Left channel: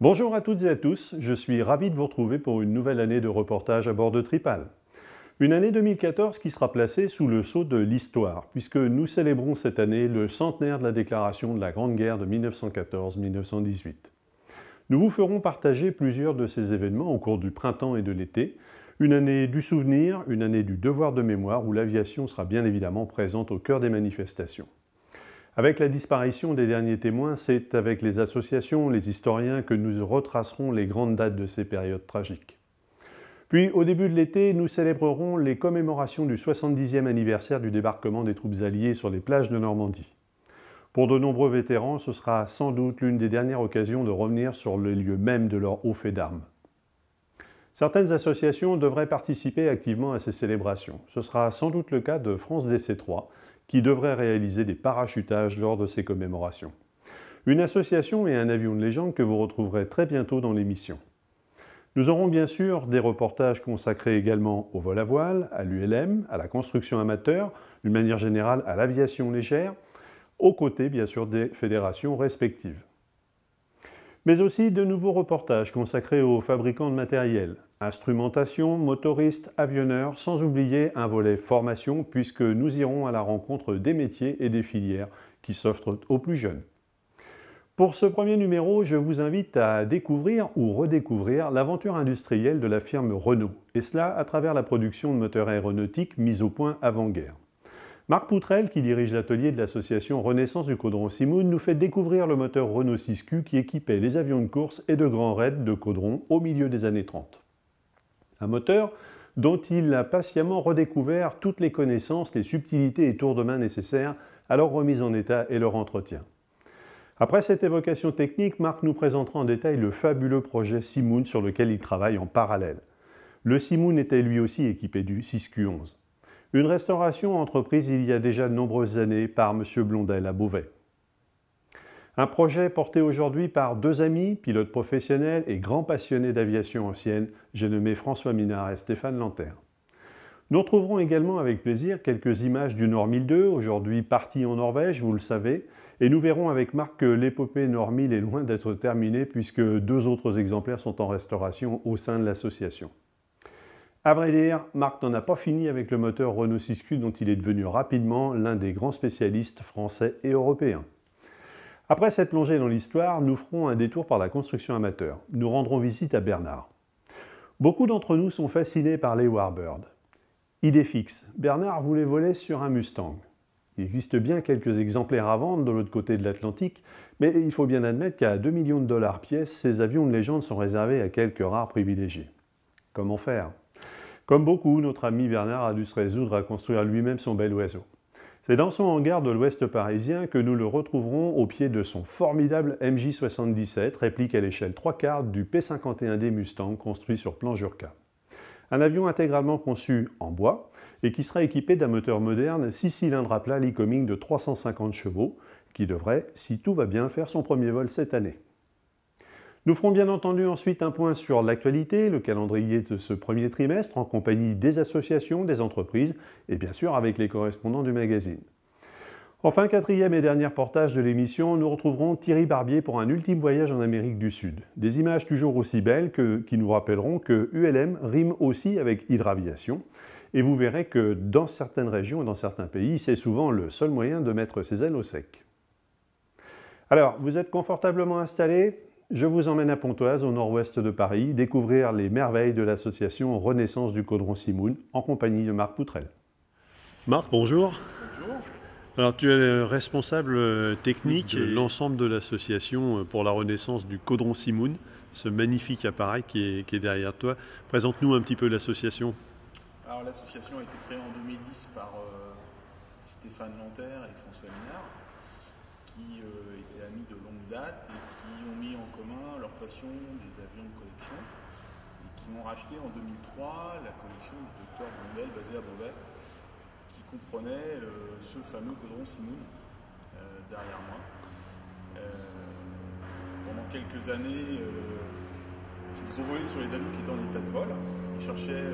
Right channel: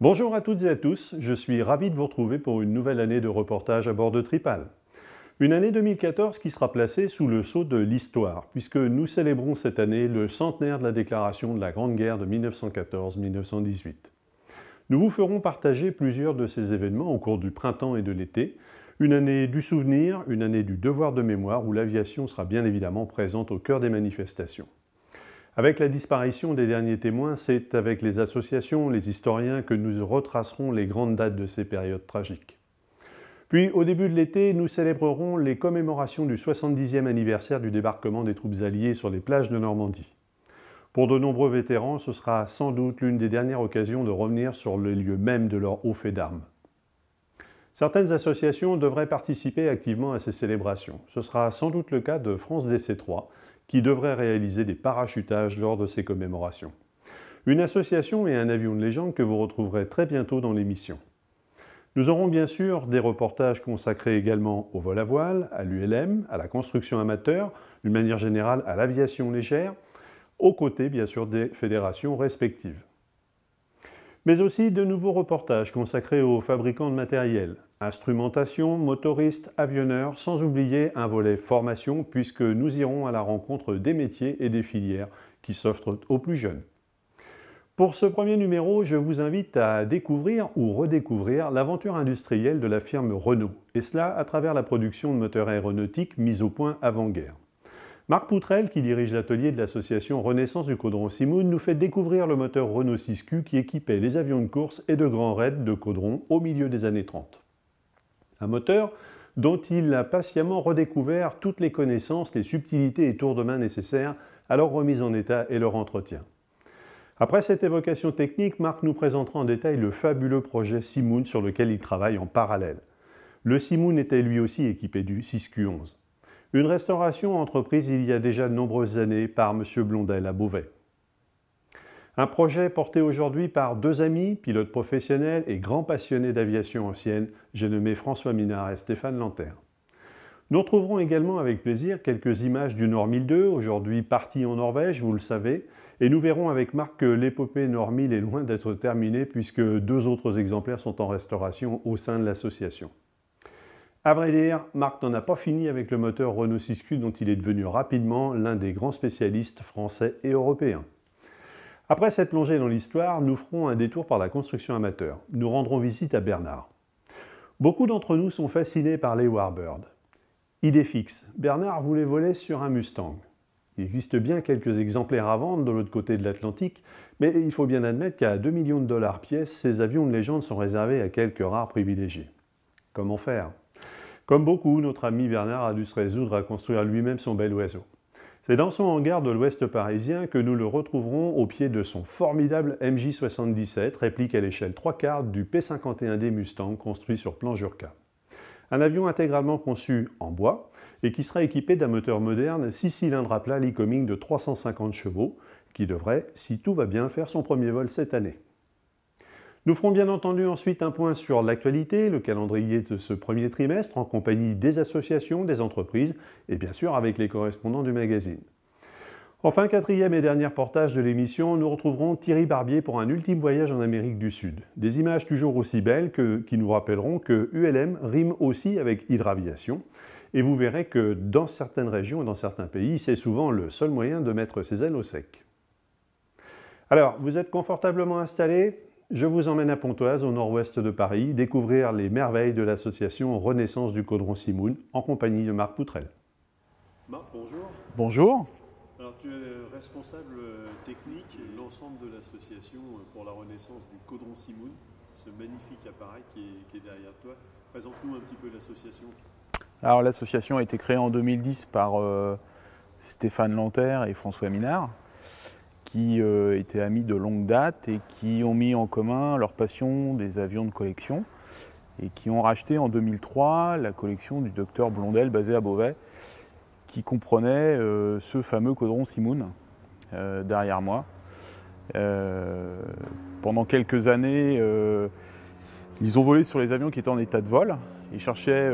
Bonjour à toutes et à tous, je suis ravi de vous retrouver pour une nouvelle année de reportage à bord de Tripal. Une année 2014 qui sera placée sous le sceau de l'histoire, puisque nous célébrons cette année le centenaire de la déclaration de la Grande Guerre de 1914-1918. Nous vous ferons partager plusieurs de ces événements au cours du printemps et de l'été, une année du souvenir, une année du devoir de mémoire où l'aviation sera bien évidemment présente au cœur des manifestations. Avec la disparition des derniers témoins, c'est avec les associations, les historiens que nous retracerons les grandes dates de ces périodes tragiques. Puis, au début de l'été, nous célébrerons les commémorations du 70e anniversaire du débarquement des troupes alliées sur les plages de Normandie. Pour de nombreux vétérans, ce sera sans doute l'une des dernières occasions de revenir sur le lieu même de leur haut fait d'armes. Certaines associations devraient participer activement à ces célébrations. Ce sera sans doute le cas de France DC3, qui devrait réaliser des parachutages lors de ces commémorations. Une association et un avion de légende que vous retrouverez très bientôt dans l'émission. Nous aurons bien sûr des reportages consacrés également au vol à voile, à l'ULM, à la construction amateur, d'une manière générale à l'aviation légère, aux côtés bien sûr des fédérations respectives. Mais aussi de nouveaux reportages consacrés aux fabricants de matériel, instrumentation, motoristes, avionneurs, sans oublier un volet formation puisque nous irons à la rencontre des métiers et des filières qui s'offrent aux plus jeunes. Pour ce premier numéro, je vous invite à découvrir ou redécouvrir l'aventure industrielle de la firme Renault, et cela à travers la production de moteurs aéronautiques mis au point avant-guerre. Marc Poutrel, qui dirige l'atelier de l'association Renaissance du Caudron Simoun, nous fait découvrir le moteur Renault 6Q qui équipait les avions de course et de grands raids de caudron au milieu des années 30. Un moteur dont il a patiemment redécouvert toutes les connaissances, les subtilités et tours de main nécessaires à leur remise en état et leur entretien. Après cette évocation technique, Marc nous présentera en détail le fabuleux projet Simoun sur lequel il travaille en parallèle. Le Simoun était lui aussi équipé du 6Q11. Une restauration entreprise il y a déjà de nombreuses années par M. Blondel à Beauvais. Un projet porté aujourd'hui par deux amis, pilotes professionnels et grands passionnés d'aviation ancienne, j'ai nommé François Minard et Stéphane Lanter. Nous retrouverons également avec plaisir quelques images du Nord 1002, aujourd'hui parti en Norvège, vous le savez, et nous verrons avec Marc que l'épopée Nord 1000 est loin d'être terminée puisque deux autres exemplaires sont en restauration au sein de l'association. À vrai dire, Marc n'en a pas fini avec le moteur Renault 6Q dont il est devenu rapidement l'un des grands spécialistes français et européens. Après cette plongée dans l'histoire, nous ferons un détour par la construction amateur. Nous rendrons visite à Bernard. Beaucoup d'entre nous sont fascinés par les Warbird. Idée fixe, Bernard voulait voler sur un Mustang. Il existe bien quelques exemplaires à vendre de l'autre côté de l'Atlantique, mais il faut bien admettre qu'à 2 millions de dollars pièce, ces avions de légende sont réservés à quelques rares privilégiés. Comment faire ? Comme beaucoup, notre ami Bernard a dû se résoudre à construire lui-même son bel oiseau. C'est dans son hangar de l'ouest parisien que nous le retrouverons au pied de son formidable MJ-77, réplique à l'échelle 3/4 du P-51D Mustang construit sur plan Jurka. Un avion intégralement conçu en bois et qui sera équipé d'un moteur moderne 6 cylindres à plat Lycoming de 350 chevaux, qui devrait, si tout va bien, faire son premier vol cette année. Nous ferons bien entendu ensuite un point sur l'actualité, le calendrier de ce premier trimestre, en compagnie des associations, des entreprises et bien sûr avec les correspondants du magazine. Enfin, quatrième et dernier portage de l'émission, nous retrouverons Thierry Barbier pour un ultime voyage en Amérique du Sud. Des images toujours aussi belles qui nous rappelleront que ULM rime aussi avec hydraviation. Et vous verrez que dans certaines régions et dans certains pays, c'est souvent le seul moyen de mettre ses ailes au sec. Alors, vous êtes confortablement installés ? Je vous emmène à Pontoise, au nord-ouest de Paris, découvrir les merveilles de l'association Renaissance du Caudron Simoun, en compagnie de Marc Poutrel. Marc, bonjour. Bonjour. Alors, tu es le responsable technique de l'ensemble de l'association pour la Renaissance du Caudron Simoun, ce magnifique appareil qui est derrière toi. Présente-nous un petit peu l'association. Alors, l'association a été créée en 2010 par Stéphane Lanter et François Minard, qui étaient amis de longue date et qui ont mis en commun leur passion des avions de collection et qui ont racheté en 2003 la collection du docteur Blondel basée à Beauvais, qui comprenait ce fameux Caudron Simoun derrière moi. Pendant quelques années, ils ont volé sur les avions qui étaient en état de vol. Ils cherchaient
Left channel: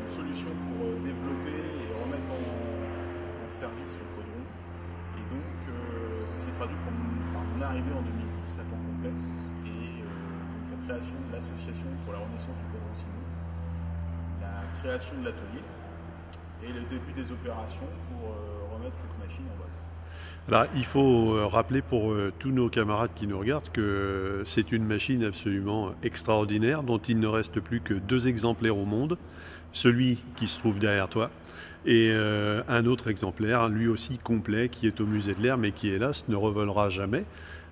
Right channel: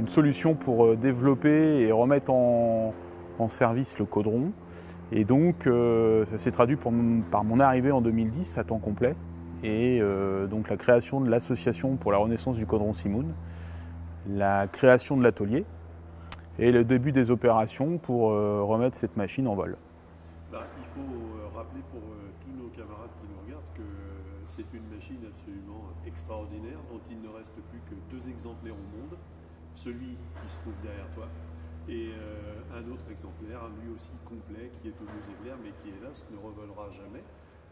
une solution pour développer et remettre en service le Caudron. Et donc, ça s'est traduit par mon arrivée en 2010 à temps complet. et donc la création de l'association pour la renaissance du caudron Simoun, la création de l'atelier et le début des opérations pour remettre cette machine en vol. Alors, il faut rappeler pour tous nos camarades qui nous regardent que c'est une machine absolument extraordinaire dont il ne reste plus que 2 exemplaires au monde, celui qui se trouve derrière toi et un autre exemplaire, lui aussi complet, qui est au musée de l'Air mais qui hélas ne revolera jamais,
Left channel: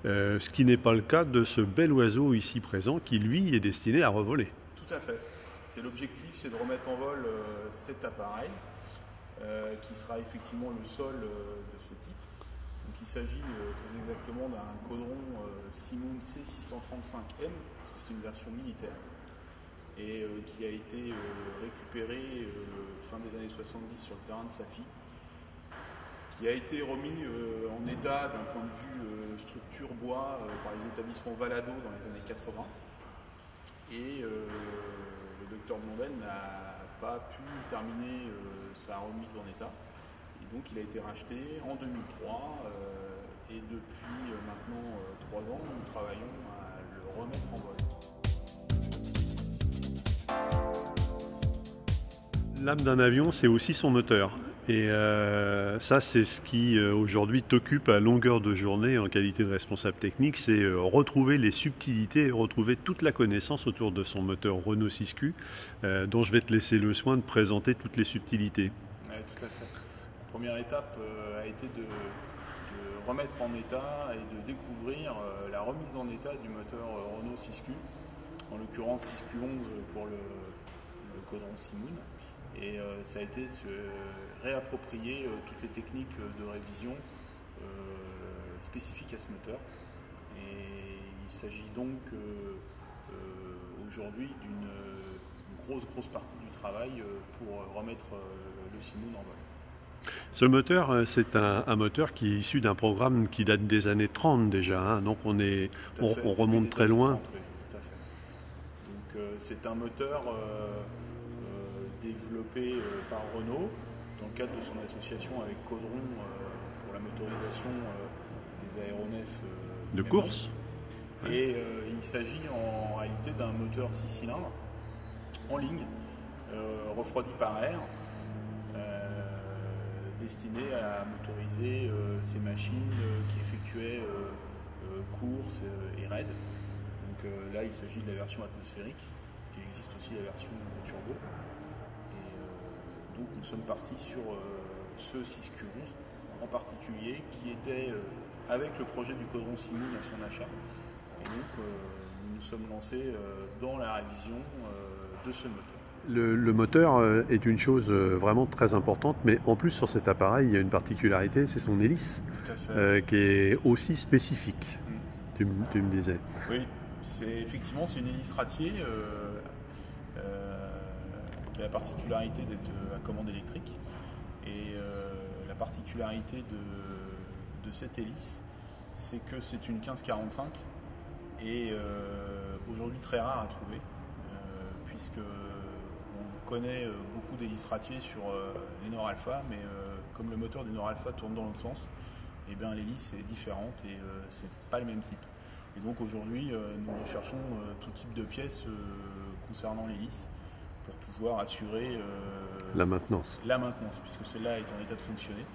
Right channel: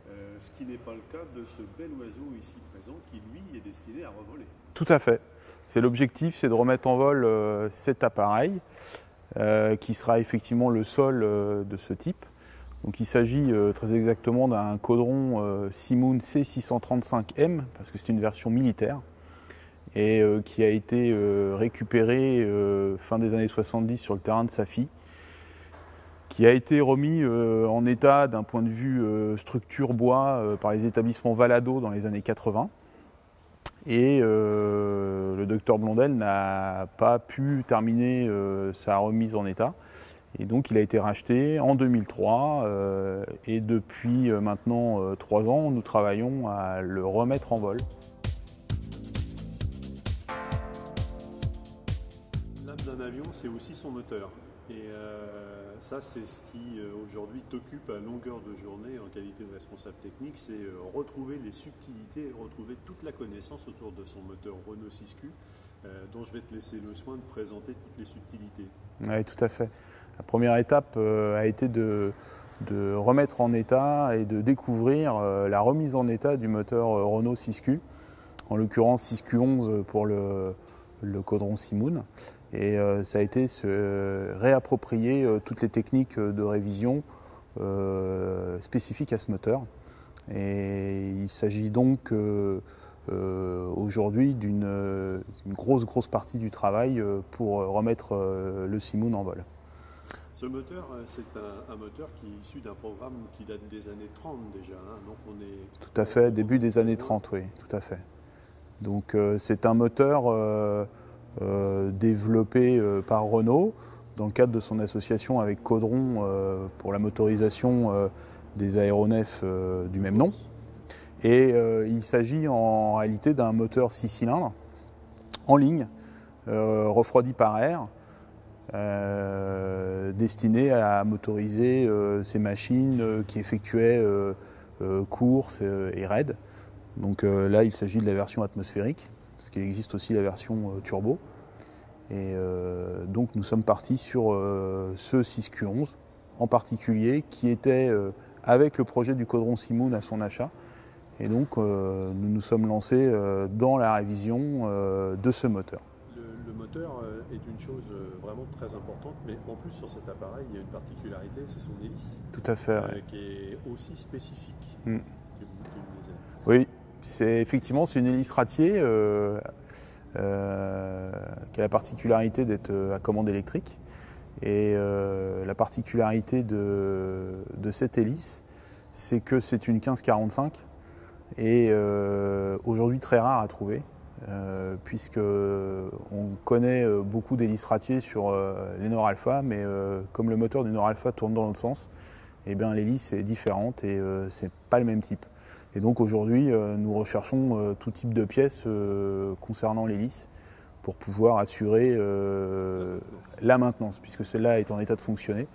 ce qui n'est pas le cas de ce bel oiseau ici présent qui lui est destiné à revoler. Tout à fait. C'est l'objectif, c'est de remettre en vol cet appareil qui sera effectivement le seul de ce type. Donc il s'agit très exactement d'un caudron Simoun C635M, parce que c'est une version militaire, et qui a été récupéré fin des années 70 sur le terrain de Safi, qui a été remis en état d'un point de vue structure bois par les établissements Valado dans les années 80. Et le docteur Blondel n'a pas pu terminer sa remise en état. Et donc il a été racheté en 2003 et depuis maintenant 3 ans, nous travaillons à le remettre en vol. L'âme d'un avion, c'est aussi son moteur. Et ça, c'est ce qui aujourd'hui t'occupe à longueur de journée en qualité de responsable technique, c'est retrouver les subtilités et retrouver toute la connaissance autour de son moteur Renault 6Q, dont je vais te laisser le soin de présenter toutes les subtilités. Oui, tout à fait. La première étape a été de remettre en état et de découvrir la remise en état du moteur Renault 6Q, en l'occurrence 6Q11 pour le caudron Simoun. Et ça a été se réapproprier toutes les techniques de révision spécifiques à ce moteur. Et il s'agit donc aujourd'hui d'une grosse partie du travail pour remettre le Simoun en vol. Ce moteur, c'est un moteur qui est issu d'un programme qui date des années 30 déjà, hein, donc on est tout à fait, début des années loin. 30, oui, tout à fait. Donc c'est un moteur développé par Renault dans le cadre de son association avec Caudron pour la motorisation des aéronefs du même nom. Et il s'agit en réalité d'un moteur 6 cylindres en ligne, refroidi par air, destiné à motoriser ces machines qui effectuaient courses et raids. Donc là, il s'agit de la version atmosphérique, parce qu'il existe aussi la version turbo. Et donc nous sommes partis sur ce 6Q11 en particulier, qui était avec le projet du caudron Simoun à son achat. Et donc nous nous sommes lancés dans la révision de ce moteur. Le moteur est une chose vraiment très importante, mais en plus sur cet appareil, il y a une particularité, c'est son hélice, tout à fait. Qui est aussi spécifique, tu me disais. Oui, effectivement c'est une hélice ratier qui a la particularité d'être à commande électrique. Et la particularité de cette hélice, c'est que c'est une 1545 et aujourd'hui très rare à trouver. Puisque on connaît beaucoup d'hélices ratiers sur les Nord Alpha, mais comme le moteur du Nord Alpha tourne dans l'autre sens, eh bien l'hélice est différente et c'est pas le même type. Et donc aujourd'hui, nous recherchons tout type de pièces concernant l'hélice pour pouvoir assurer la maintenance, puisque celle-là est en état de fonctionner,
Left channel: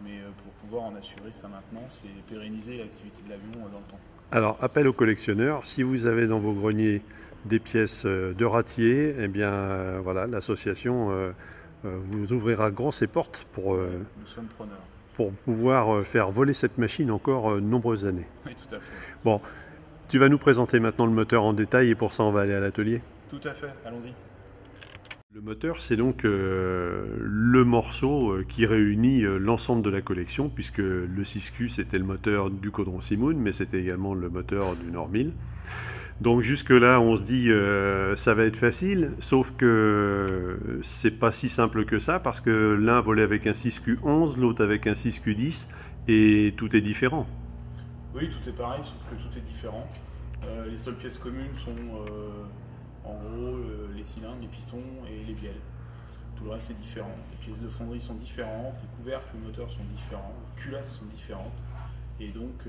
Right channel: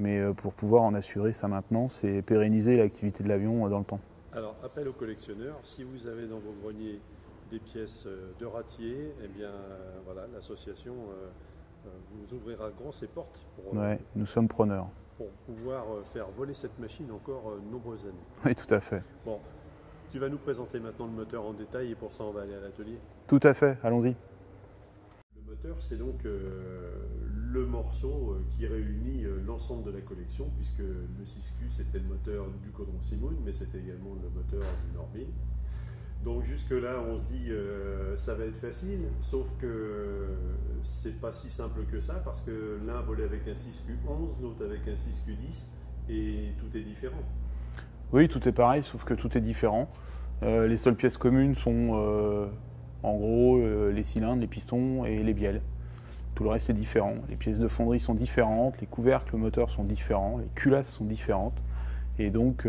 mais pour pouvoir en assurer sa maintenance et pérenniser l'activité de l'avion dans le temps. Alors, appel aux collectionneurs, si vous avez dans vos greniers des pièces de ratier, eh bien voilà, l'association vous ouvrira grand ses portes pour, nous sommes preneurs. Pour pouvoir faire voler cette machine encore de nombreuses années. Oui, tout à fait. Bon, tu vas nous présenter maintenant le moteur en détail et pour ça on va aller à l'atelier. Tout à fait, allons-y. Le moteur, c'est donc le morceau qui réunit l'ensemble de la collection, puisque le 6Q c'était le moteur du caudron Simoun, mais c'était également le moteur du Nord 1000. Donc jusque-là, on se dit ça va être facile, sauf que c'est pas si simple que ça, parce que l'un volait avec un 6Q11, l'autre avec un 6Q10, et tout est différent. Oui, tout est pareil, sauf que tout est différent. Les seules pièces communes sont en gros les cylindres, les pistons et les bielles. Tout le reste est différent. Les pièces de fonderie sont différentes, les couvercles, le moteur sont différents, les culasses sont différentes. Et donc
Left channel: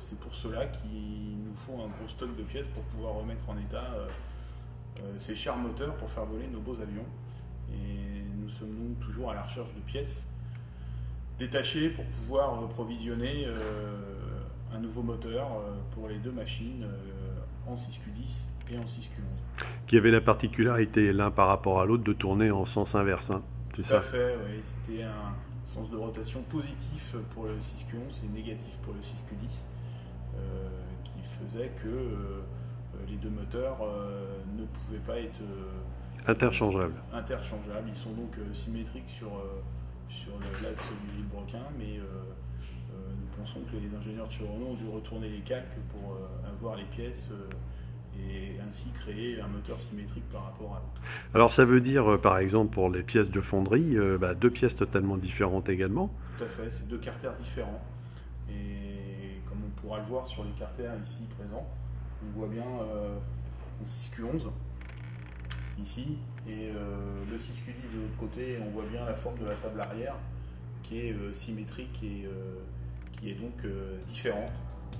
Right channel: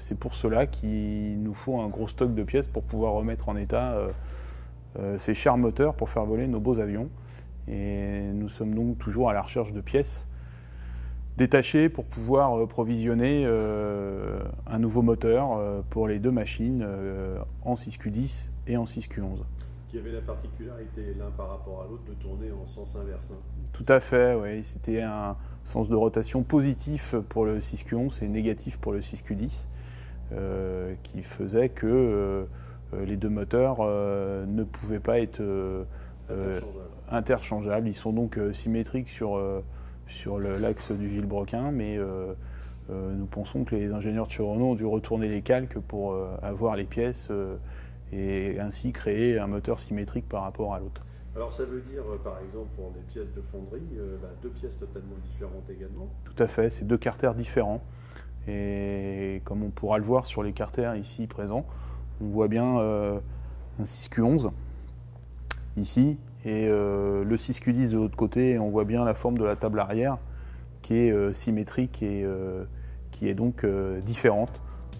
c'est pour cela qu'il nous faut un gros stock de pièces pour pouvoir remettre en état ces chers moteurs pour faire voler nos beaux avions. Et nous sommes donc toujours à la recherche de pièces détachées pour pouvoir provisionner un nouveau moteur pour les deux machines en 6Q10 et en 6Q11. Qui avait la particularité l'un par rapport à l'autre de tourner en sens inverse. Hein. Tout à fait, oui. C'était un sens de rotation positif pour le 6Q11 et négatif pour le 6Q10, qui faisait que les deux moteurs ne pouvaient pas être interchangeables. Ils sont donc symétriques sur l'axe du Villebrequin, mais nous pensons que les ingénieurs de chez Renault ont dû retourner les calques pour avoir les pièces et ainsi créer un moteur symétrique par rapport à l'autre. Alors ça veut dire, par exemple, pour les pièces de fonderie, deux pièces totalement différentes également? Tout à fait, c'est deux carters différents. Et comme on pourra le voir sur les carters ici présents, on voit bien un 6Q11 ici et le 6Q10 de l'autre côté. Et on voit bien la forme de la table arrière qui est symétrique et qui est donc différente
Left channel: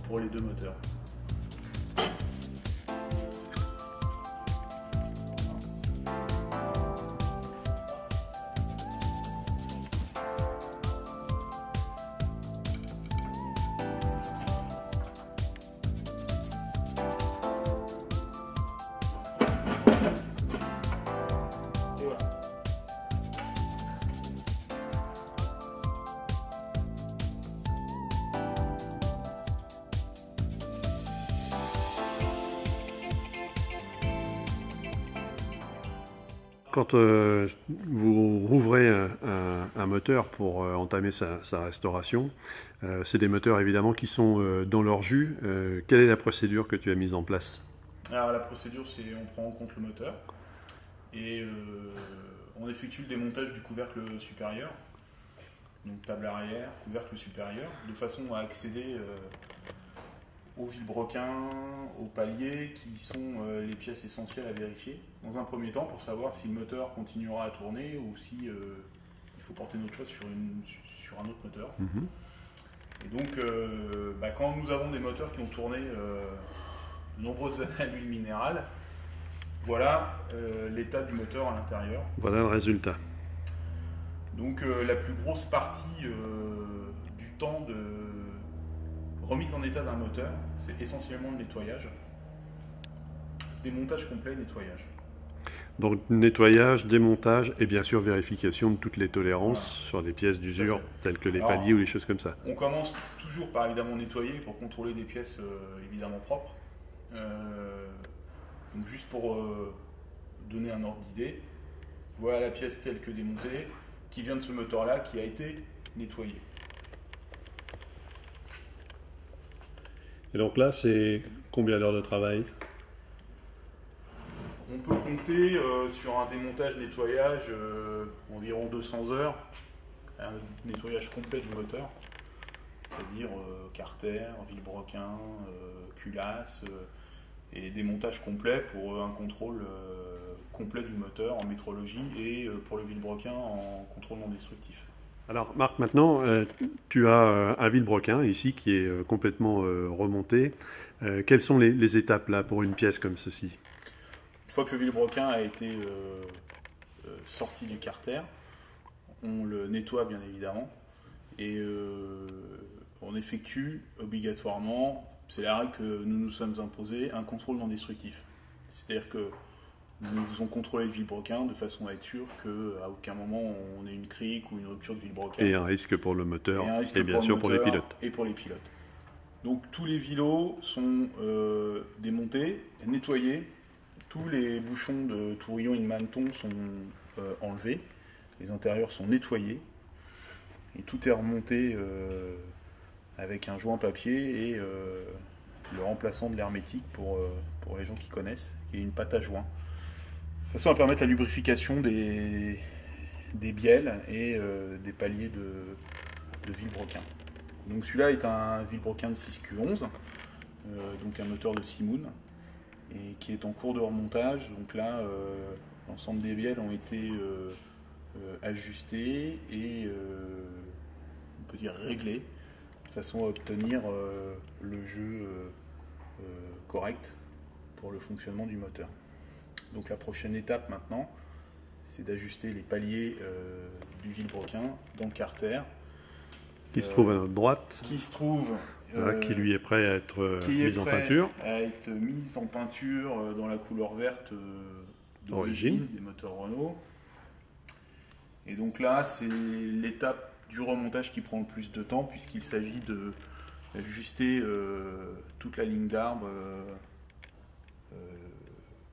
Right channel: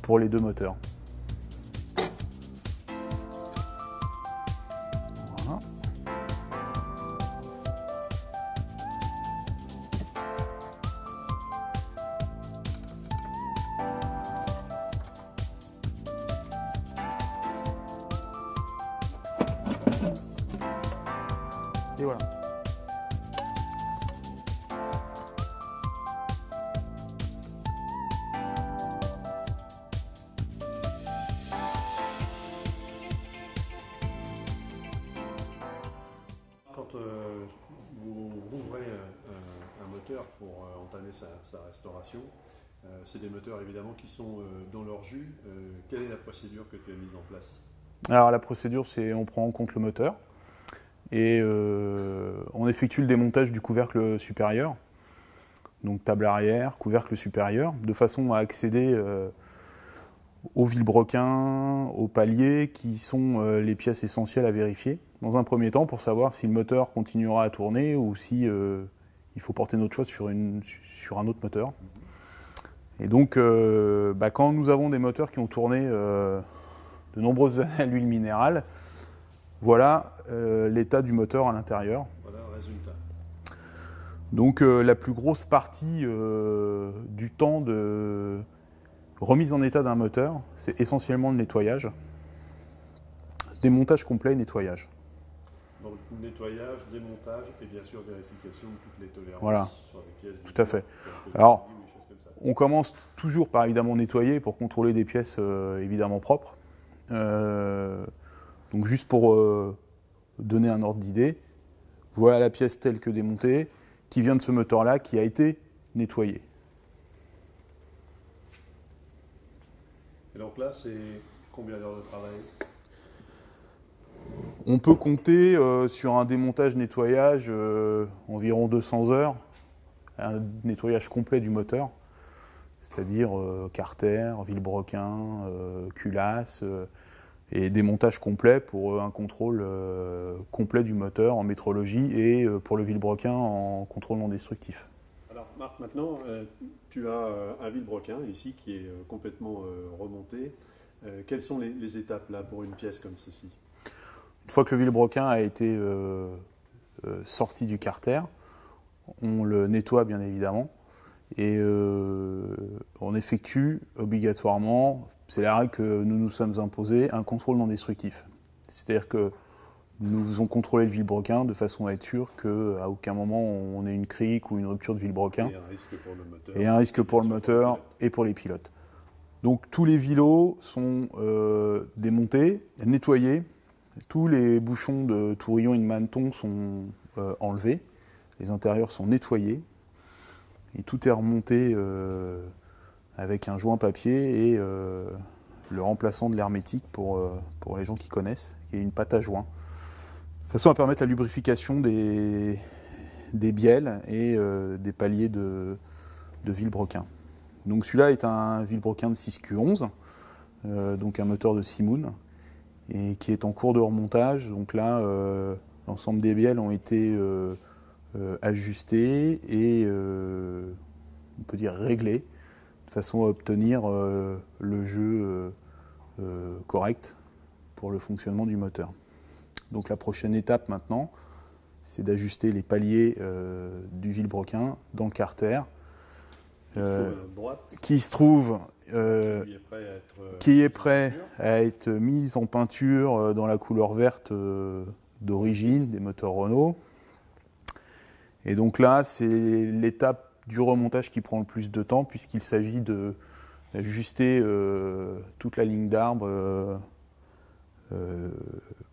pour les deux moteurs. Et voilà. Quand vous rouvrez un moteur pour entamer sa restauration, c'est des moteurs évidemment qui sont dans leur jus. Quelle est la procédure que tu as mise en place? Alors la procédure, c'est on prend en compte le moteur et on effectue le démontage du couvercle supérieur, donc table arrière, couvercle supérieur, de façon à accéder aux vilebrequins, aux paliers, qui sont les pièces essentielles à vérifier. Dans un premier temps, pour savoir si le moteur continuera à tourner ou si il faut porter notre choix sur un autre moteur. Et donc, quand nous avons des moteurs qui ont tourné de nombreuses années à l'huile minérale, voilà l'état du moteur à l'intérieur. Voilà le résultat. Donc la plus grosse partie du temps de remise en état d'un moteur, c'est essentiellement le nettoyage. Démontage complet, nettoyage. Donc nettoyage, démontage et bien sûr vérification de toutes les tolérances sur des pièces d'usure telles que les paliers ou les choses comme ça. On commence toujours par évidemment nettoyer pour contrôler des pièces évidemment propres. Donc juste pour donner un ordre d'idée, voilà la pièce telle que démontée qui vient de ce moteur-là qui a été nettoyé. Et donc là, c'est combien d'heures de travail? On peut compter sur un démontage-nettoyage environ 200 heures, un nettoyage complet du moteur, c'est-à-dire carter, vilebrequin, culasse, et démontage complet pour un contrôle complet du moteur en métrologie et pour le vilebrequin en contrôle non destructif. Alors Marc, maintenant, tu as un vilebrequin ici qui est complètement remonté. Quelles sont les étapes là pour une pièce comme ceci? Une fois que le vilebrequin a été sorti du carter, on le nettoie bien évidemment et on effectue obligatoirement, c'est la règle que nous nous sommes imposés, un contrôle non destructif. C'est-à-dire que nous faisons contrôler le vilebrequin de façon à être sûr qu'à aucun moment on ait une crique ou une rupture de vilebrequin. Et un risque pour le moteur. Et un risque pour le moteur et pour les pilotes. Donc tous les vilos sont démontés, nettoyés. Tous les bouchons de tourillon et de maneton sont enlevés. Les intérieurs sont nettoyés. Et tout est remonté avec un joint papier et le remplaçant de l'hermétique pour les gens qui connaissent, qui est une pâte à joint. De façon à permettre la lubrification des bielles et des paliers de vilebrequin. Donc celui-là est un vilebrequin de 6Q11, donc un moteur de Simoun, et qui est en cours de remontage. Donc là, l'ensemble des bielles ont été ajustées et on peut dire réglées, de façon à obtenir le jeu correct pour le fonctionnement du moteur. Donc la prochaine étape maintenant, c'est d'ajuster les paliers du vilebrequin dans le carter. Qui se trouve à notre droite. Qui se trouve... qui lui est prêt à être mis en peinture dans la couleur verte d'origine des moteurs Renault. Et donc là, c'est l'étape du remontage qui prend le plus de temps puisqu'il s'agit d'ajuster toute la ligne d'arbre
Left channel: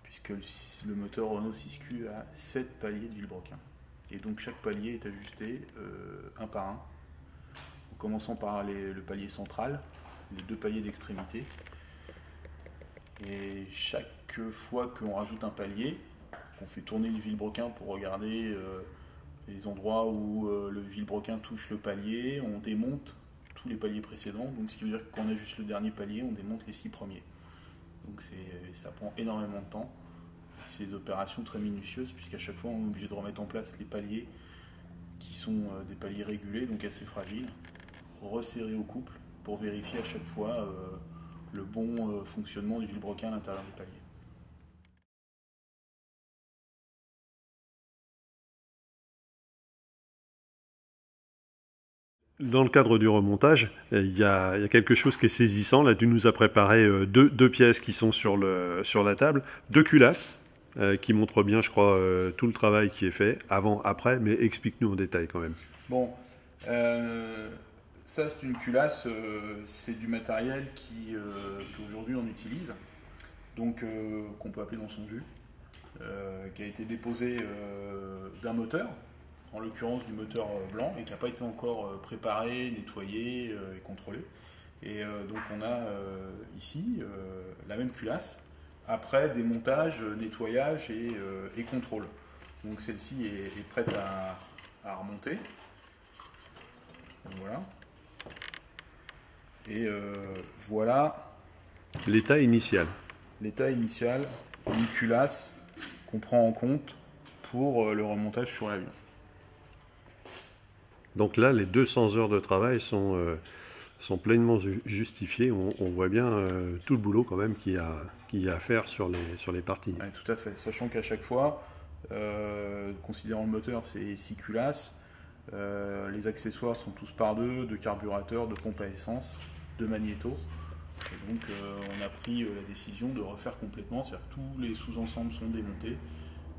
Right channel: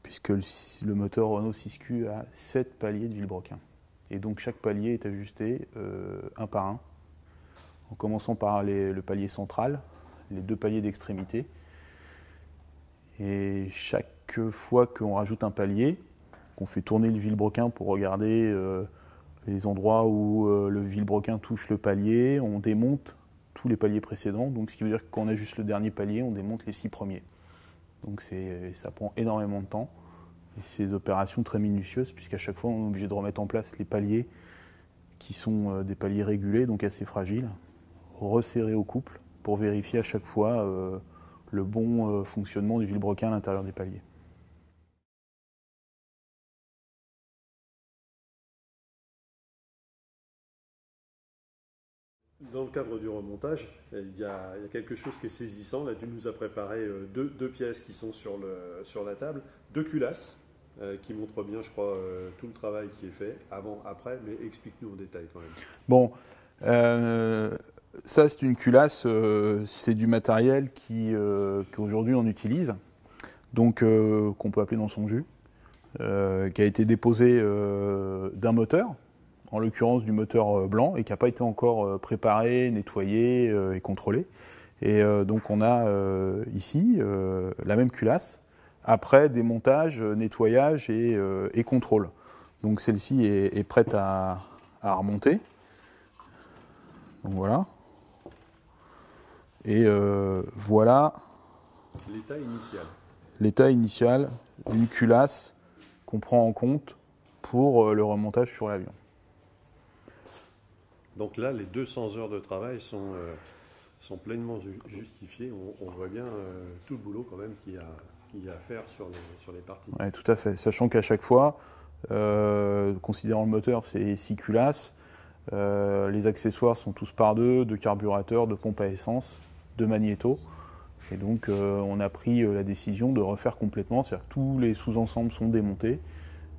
puisque le moteur Renault 6Q a 7 paliers de vilebrequin. Et donc chaque palier est ajusté un par un, en commençant par le palier central, les 2 paliers d'extrémité. Et chaque fois qu'on rajoute un palier, qu'on fait tourner le vilebrequin pour regarder les endroits où le vilebrequin touche le palier, on démonte tous les paliers précédents. Donc ce qui veut dire que quand on ajuste le dernier palier, on démonte les 6 premiers. Donc ça prend énormément de temps. C'est des opérations très minutieuses puisqu'à chaque fois on est obligé de remettre en place les paliers qui sont des paliers régulés, donc assez fragiles, resserrés au couple pour vérifier à chaque fois le bon fonctionnement du vilebrequin à l'intérieur des paliers. Dans le cadre du remontage, il y a quelque chose qui est saisissant. Là, tu nous as préparé deux pièces qui sont sur la table, 2 culasses qui montrent bien, je crois, tout le travail qui est fait, avant, après, mais explique-nous en détail quand même. Bon, ça c'est une culasse, c'est du matériel qu'aujourd'hui on utilise, donc qu'on peut appeler dans son jus, qui a été déposé d'un moteur, en l'occurrence du moteur blanc, et qui n'a pas été encore préparé, nettoyé et contrôlé. Et donc on a ici la même culasse, après démontage, nettoyage et contrôle. Donc celle-ci est prête à remonter. Donc voilà. Et voilà l'état initial. L'état initial d'une culasse qu'on prend en compte pour le remontage sur l'avion. Donc là, les 200 heures de travail sont pleinement justifiées. On voit bien tout le boulot quand même qu'il y a à faire sur les parties. Oui, tout à fait. Sachant qu'à chaque fois, considérant le moteur, c'est 6 culasses. Les accessoires sont tous par deux, de carburateur, de pompe à essence, de magnéto. Et donc on a pris la décision de refaire complètement, c'est-à-dire que tous les sous-ensembles sont démontés,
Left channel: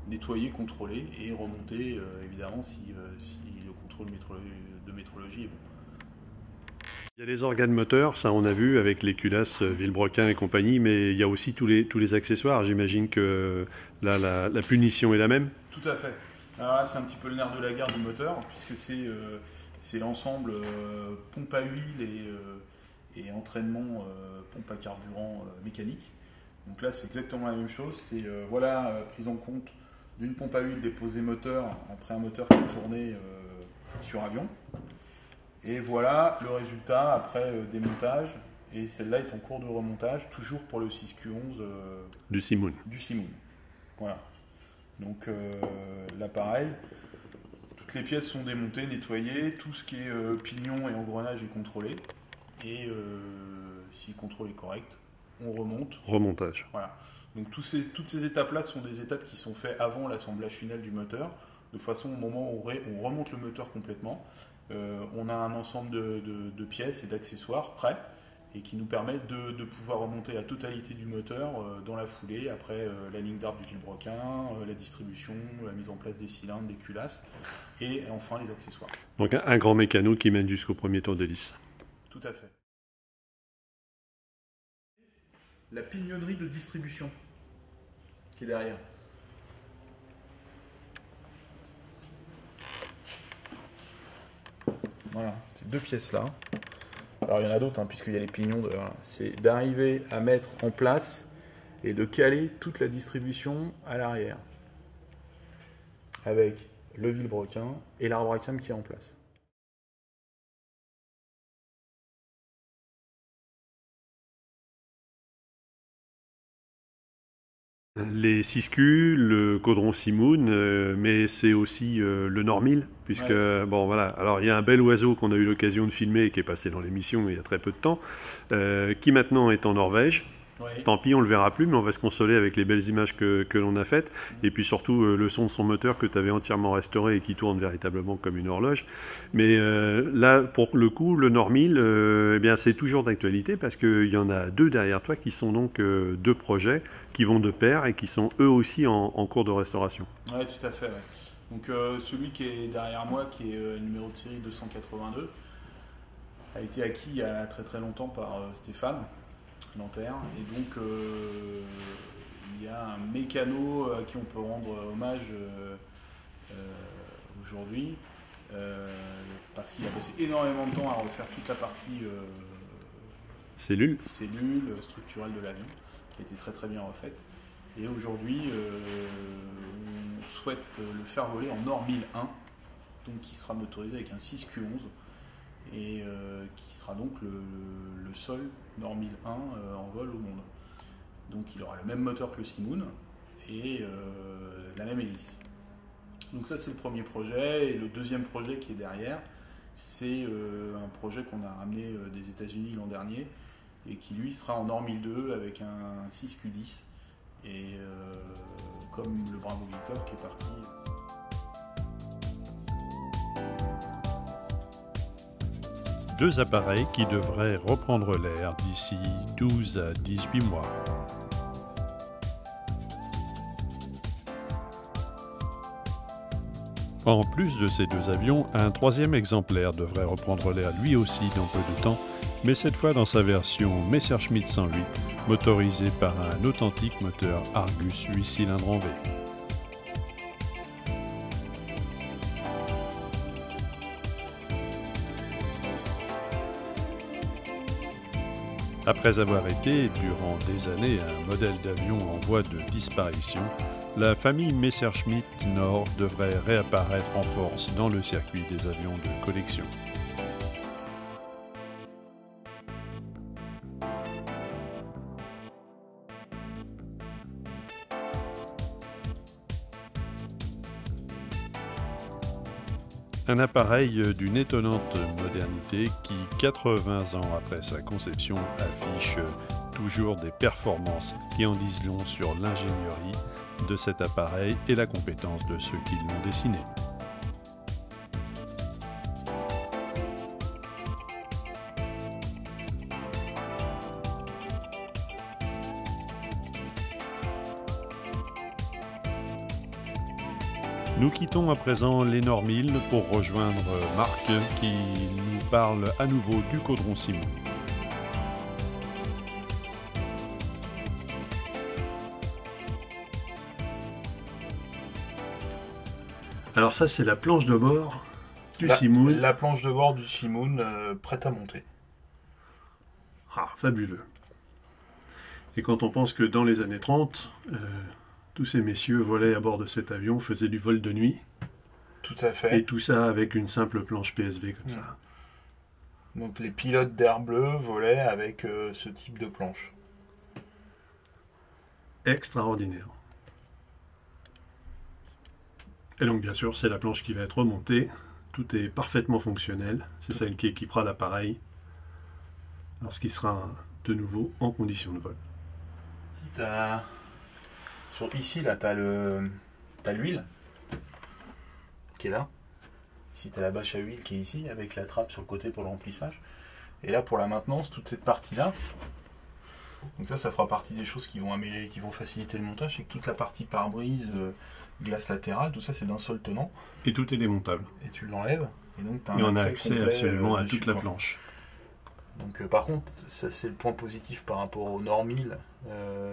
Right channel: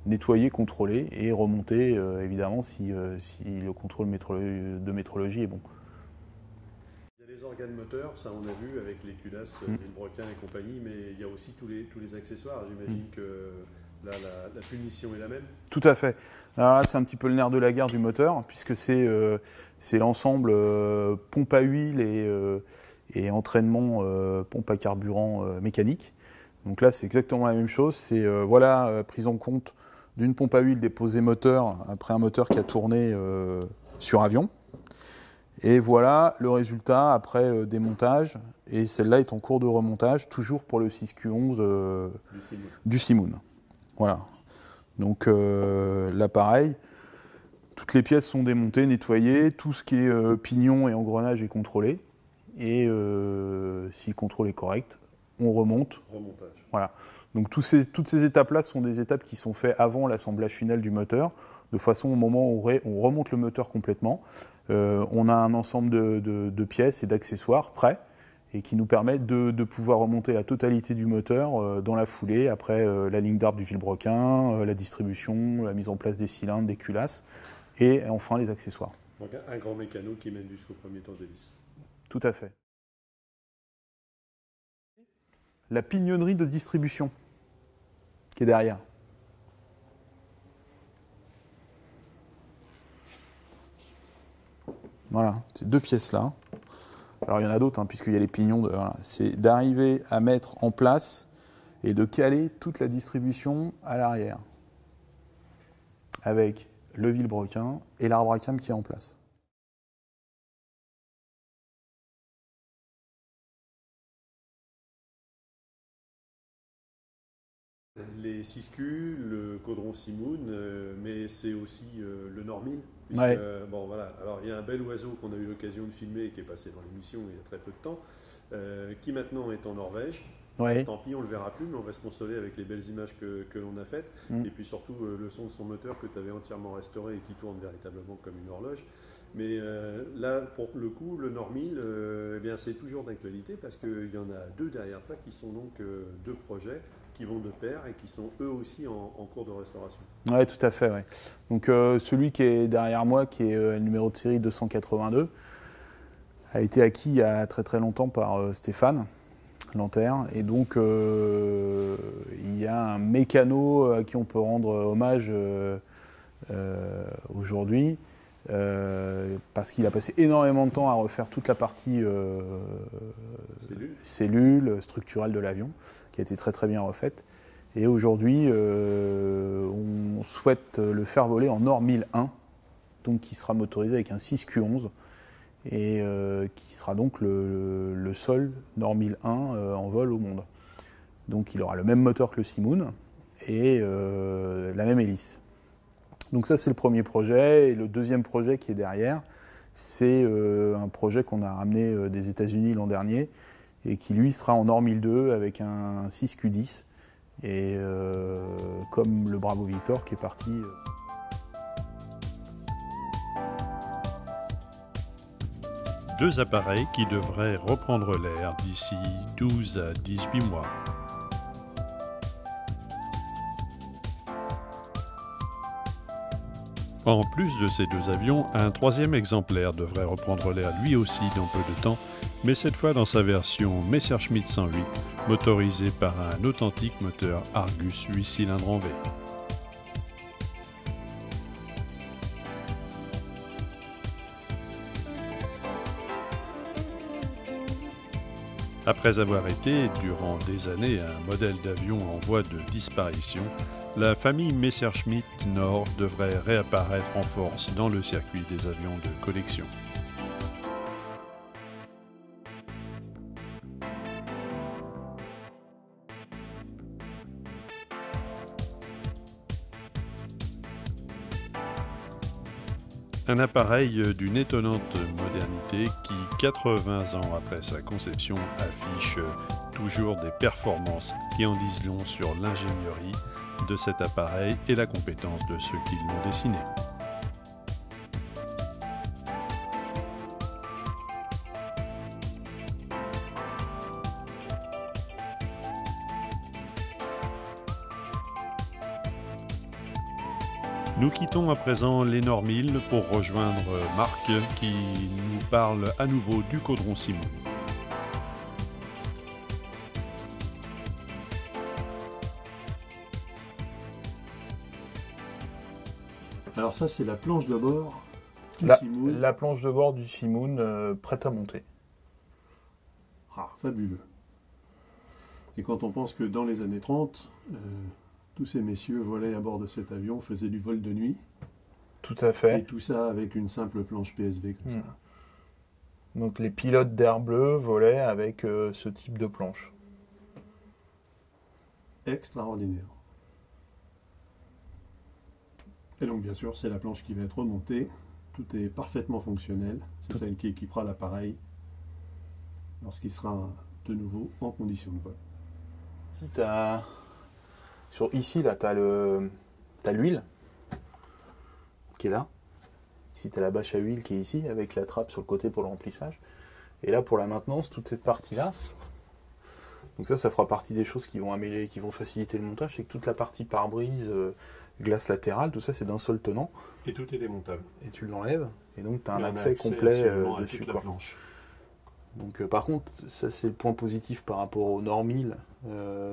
nettoyés, contrôlés et remontés évidemment si le contrôle de métrologie est bon. Il y a les organes moteurs, ça on a vu avec les culasses vilebrequin et compagnie, mais il y a aussi tous les accessoires. J'imagine que là la punition est la même. Tout à fait. Alors là c'est un petit peu le nerf de la guerre du moteur puisque c'est l'ensemble pompe à huile et entraînement pompe à carburant mécanique. Donc là c'est exactement la même chose. C'est prise en compte d'une pompe à huile déposée moteur après un moteur qui a tourné sur avion. Et voilà le résultat après démontage. Et celle-là est en cours de remontage, toujours pour le 6Q11 du Simoun. Voilà. Donc là pareil, toutes les pièces sont démontées, nettoyées, tout ce qui est pignon et engrenage est contrôlé. Et si le contrôle est correct, on remonte. Remontage. Voilà. Donc toutes ces étapes-là sont des étapes qui sont faites avant l'assemblage final du moteur, de façon au moment où on remonte le moteur complètement. On a un ensemble de pièces et d'accessoires prêts et qui nous permettent de pouvoir remonter la totalité du moteur dans la foulée, après la ligne d'arbre du vilebrequin, la distribution, la mise en place des cylindres, des culasses et enfin les accessoires. Donc un grand mécano qui mène jusqu'au premier tour d'hélice. Tout à fait. La pignonnerie de distribution qui est derrière. Voilà, ces 2 pièces-là. Alors il y en a d'autres, puisqu'il y a les pignons. Voilà. C'est d'arriver à mettre en place et de caler toute la distribution à l'arrière. Avec le vilebrequin et l'arbre à cam qui est en place. Les 6Q, le Caudron Simoun, mais c'est aussi le Normil, puisque, Ouais. bon voilà, alors il y a un bel oiseau qu'on a eu l'occasion de filmer, qui est passé dans l'émission il y a très peu de temps, qui maintenant est en Norvège. Ouais. Tant pis, on ne le verra plus, mais on va se consoler avec les belles images que l'on a faites. Mm. Et puis surtout, le son de son moteur que tu avais entièrement restauré et qui tourne véritablement comme une horloge. Mais là, pour le coup, le Normil, eh bien, c'est toujours d'actualité parce qu'il y en a deux derrière toi qui sont donc deux projets qui vont de pair et qui sont eux aussi en cours de restauration. Ouais, tout à fait. Ouais. Donc celui qui est derrière moi, qui est le numéro de série 282, a été acquis il y a très très longtemps par Stéphane Lanterre. Et donc il y a un mécano à qui on peut rendre hommage aujourd'hui. Parce qu'il a passé énormément de temps à refaire toute la partie Cellule. cellule structurelle de l'avion, qui a été très très bien refaite. Et aujourd'hui, on souhaite le faire voler en OR 1001, donc qui sera motorisé avec un 6Q11, et qui sera donc le seul NOR 1001 en vol au monde. Donc il aura le même moteur que le Simoun et la même hélice. Donc ça c'est le premier projet, et le deuxième projet qui est derrière, c'est un projet qu'on a ramené des États-Unis l'an dernier, et qui lui sera en OR 1002 avec un 6Q10. Et comme le Bravo Victor qui est parti. Deux appareils qui devraient reprendre l'air d'ici 12 à 18 mois. En plus de ces deux avions, un troisième exemplaire devrait reprendre l'air lui aussi dans peu de temps, mais cette fois dans sa version Messerschmitt 108, motorisé par un authentique moteur Argus 8 cylindres en V. Après avoir été, durant des années, un modèle d'avion en voie de disparition, la famille Messerschmitt Nord devrait réapparaître en force dans le circuit des avions de collection. Un appareil d'une étonnante modernité qui, 80 ans après sa conception, affiche toujours des performances qui en disent long sur l'ingénierie de cet appareil et la compétence de ceux qui l'ont dessiné. Nous quittons à présent les Normil pour rejoindre Marc qui nous parle à nouveau du Caudron Simoun. Alors ça c'est la planche de bord du Simoun. La planche de bord du Simoun prête à monter. Ah, fabuleux. Et quand on pense que dans les années 30, tous ces messieurs volaient à bord de cet avion, faisaient du vol de nuit. Tout à fait. Et tout ça avec une simple planche PSV comme ça. Donc les pilotes d'Air Bleu volaient avec ce type de planche. Extraordinaire. Et donc bien sûr, c'est la planche qui va être remontée. Tout est parfaitement fonctionnel. C'est celle qui équipera l'appareil lorsqu'il sera de nouveau en condition de vol. Si ici, là, tu as l'huile qui est là. Ici, tu as la bâche à huile qui est ici, avec la trappe sur le côté pour le remplissage. Et là, pour la maintenance, toute cette partie-là. Donc ça fera partie des choses qui vont faciliter le montage. C'est que toute la partie pare-brise, glace latérale, tout ça, c'est d'un seul tenant. Et tout est démontable. Et tu l'enlèves. Et donc, tu as on a accès complet absolument à dessus, toute la planche. Donc, par contre, ça c'est le point positif par rapport au Normil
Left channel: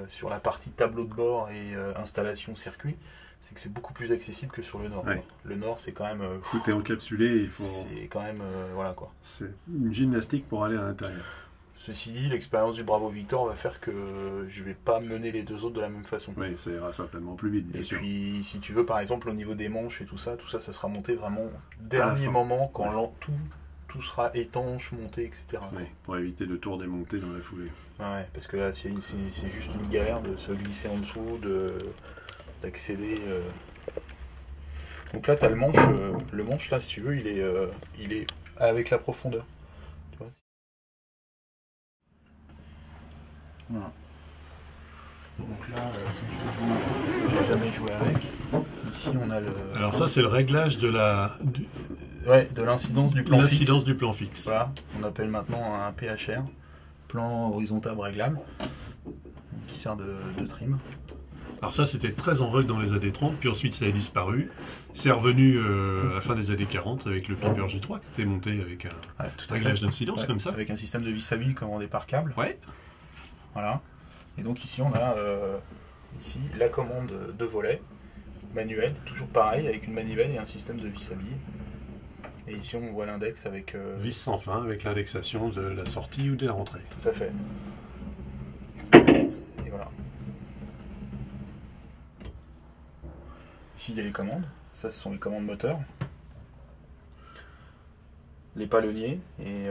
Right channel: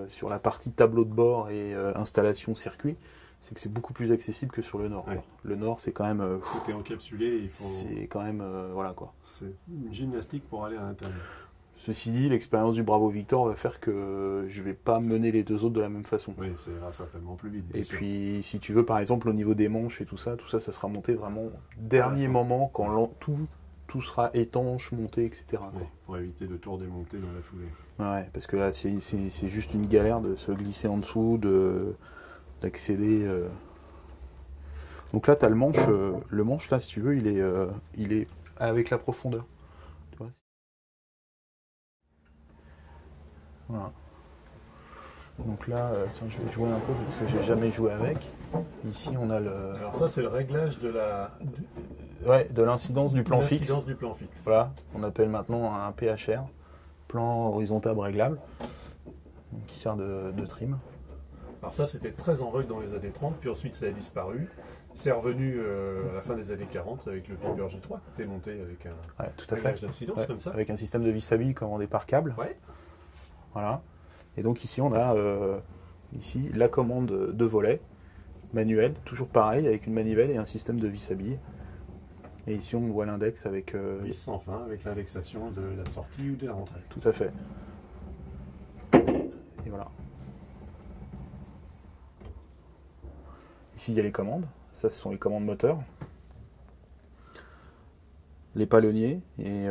sur la partie tableau de bord et installation circuit, c'est que c'est beaucoup plus accessible que sur le Nord. Ouais. Le Nord, c'est quand même. Tout est encapsulé. Il faut... C'est quand même. Voilà quoi. C'est une gymnastique pour aller à l'intérieur. Ceci dit, l'expérience du Bravo Victor va faire que je ne vais pas mener les deux autres de la même façon. Oui, ça ira certainement plus vite, bien sûr. Et puis, si tu veux, par exemple, au niveau des manches et tout ça, ça sera monté vraiment dernier moment, quand tout sera étanche, monté, etc. Oui, pour éviter de tout redémonter dans la foulée. Ouais, parce que là, c'est juste une galère de se glisser en dessous, d'accéder. Donc là, tu as le manche, là, si tu veux, il est avec la profondeur. Tu vois. Voilà. Donc là, je vois un peu parce que j'ai jamais joué avec. Ici, on a le. Alors ça, c'est le réglage de de l'incidence du plan fixe. L'incidence du plan fixe. Voilà, on appelle maintenant un PHR, plan horizontal réglable, qui sert de trim. Alors ça, c'était très en vogue dans les années 30, puis ensuite ça a disparu. C'est revenu à la fin des années 40 avec le Piper G3 qui était monté avec un réglage d'incidence comme ça. Avec un système de vis stable commandé par câble. Ouais. Voilà. Et donc ici on a la commande de volet, manuel, toujours pareil, avec une manivelle et un système de vis à billes. Et ici on voit l'index avec... vis sans fin, avec l'indexation de la sortie ou de la rentrée. Tout à fait. Et voilà. Ici il y a les commandes. Ça, ce sont les commandes moteurs. Les palonniers. Et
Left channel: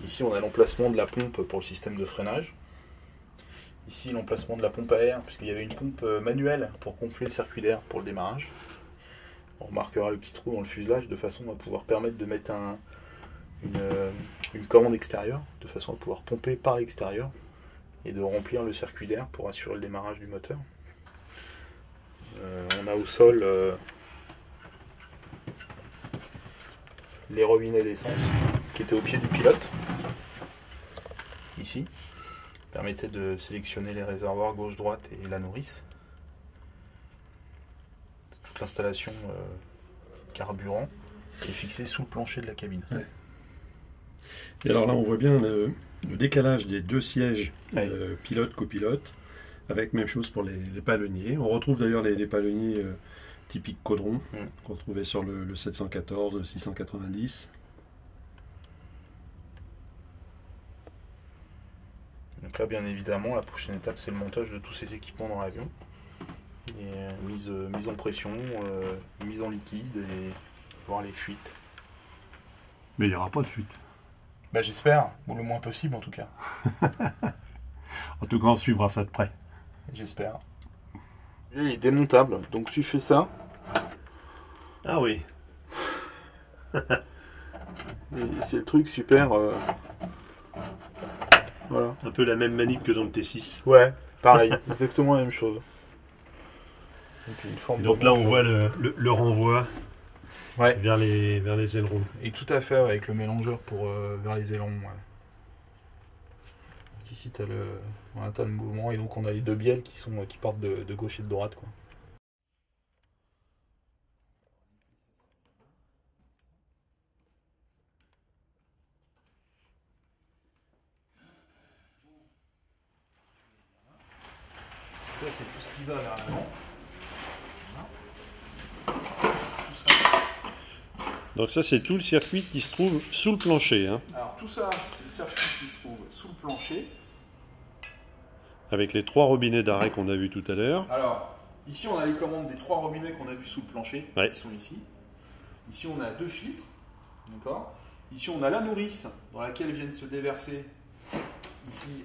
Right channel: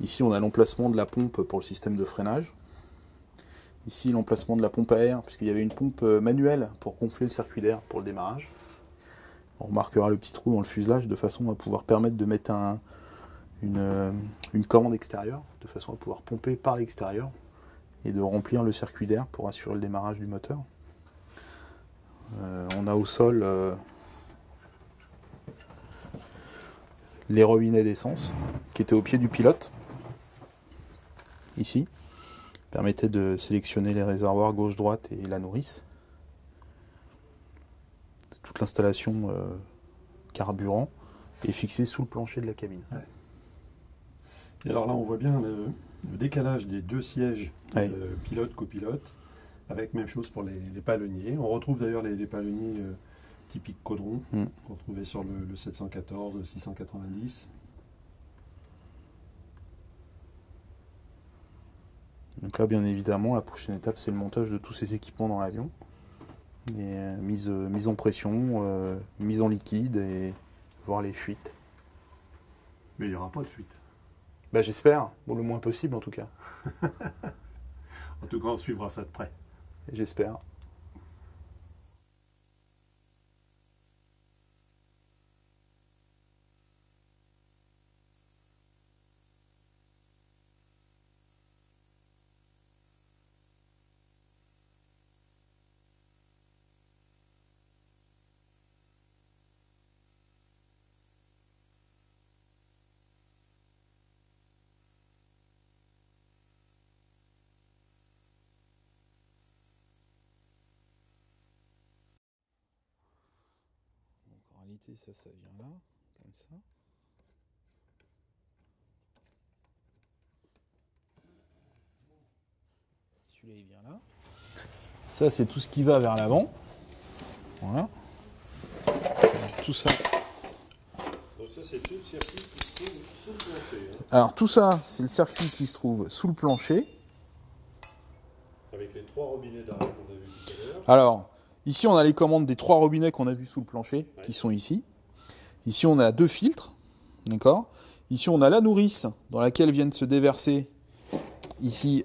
ici, on a l'emplacement de la pompe pour le système de freinage. Ici, l'emplacement de la pompe à air, puisqu'il y avait une pompe manuelle pour gonfler le circuit d'air pour le démarrage. On remarquera le petit trou dans le fuselage de façon à pouvoir permettre de mettre une commande extérieure, de façon à pouvoir pomper par l'extérieur et de remplir le circuit d'air pour assurer le démarrage du moteur. On a au sol les robinets d'essence qui étaient au pied du pilote. Ici, permettait de sélectionner les réservoirs gauche-droite et la nourrice. Toute l'installation carburant est fixée sous le plancher de la cabine. Ouais. Et alors là, on voit bien le décalage des deux sièges, pilote-copilote. Avec même chose pour les palonniers. On retrouve d'ailleurs les palonniers typiques Caudron qu'on trouvait sur le 714, le 690. Donc là, bien évidemment, la prochaine étape, c'est le montage de tous ces équipements dans l'avion. Mise en pression, mise en liquide et voir les fuites. Mais il n'y aura pas de fuite. Bah, j'espère, ou le moins possible en tout cas. En tout cas, on suivra ça de près. J'espère. Il est démontable, donc tu fais ça. Ah oui. Et c'est le truc super. Voilà. Un peu la même manip que dans le T6. Ouais, pareil, exactement la même chose. Et donc là, on voit le renvoi vers les ailerons. Et tout à fait, avec le mélangeur vers les ailerons. Ouais. Ici, tu as le mouvement, et donc on a les deux bielles qui partent de gauche et de droite. Quoi. Donc, en réalité, ça vient là, comme ça. Celui-là, il vient là. Ça, c'est tout ce qui va vers l'avant. Voilà. Tout ça. Donc ça, c'est tout le circuit qui se trouve sous le plancher. Hein. Alors, tout ça, c'est le circuit qui se trouve sous le plancher. Avec les 3 robinets d'arrêt qu'on a vus tout à l'heure. Alors, ici, on a les commandes des 3 robinets qu'on a vus sous le plancher, qui sont ici. Ici, on a 2 filtres, d'accord. Ici, on a la nourrice, dans laquelle viennent se déverser, ici,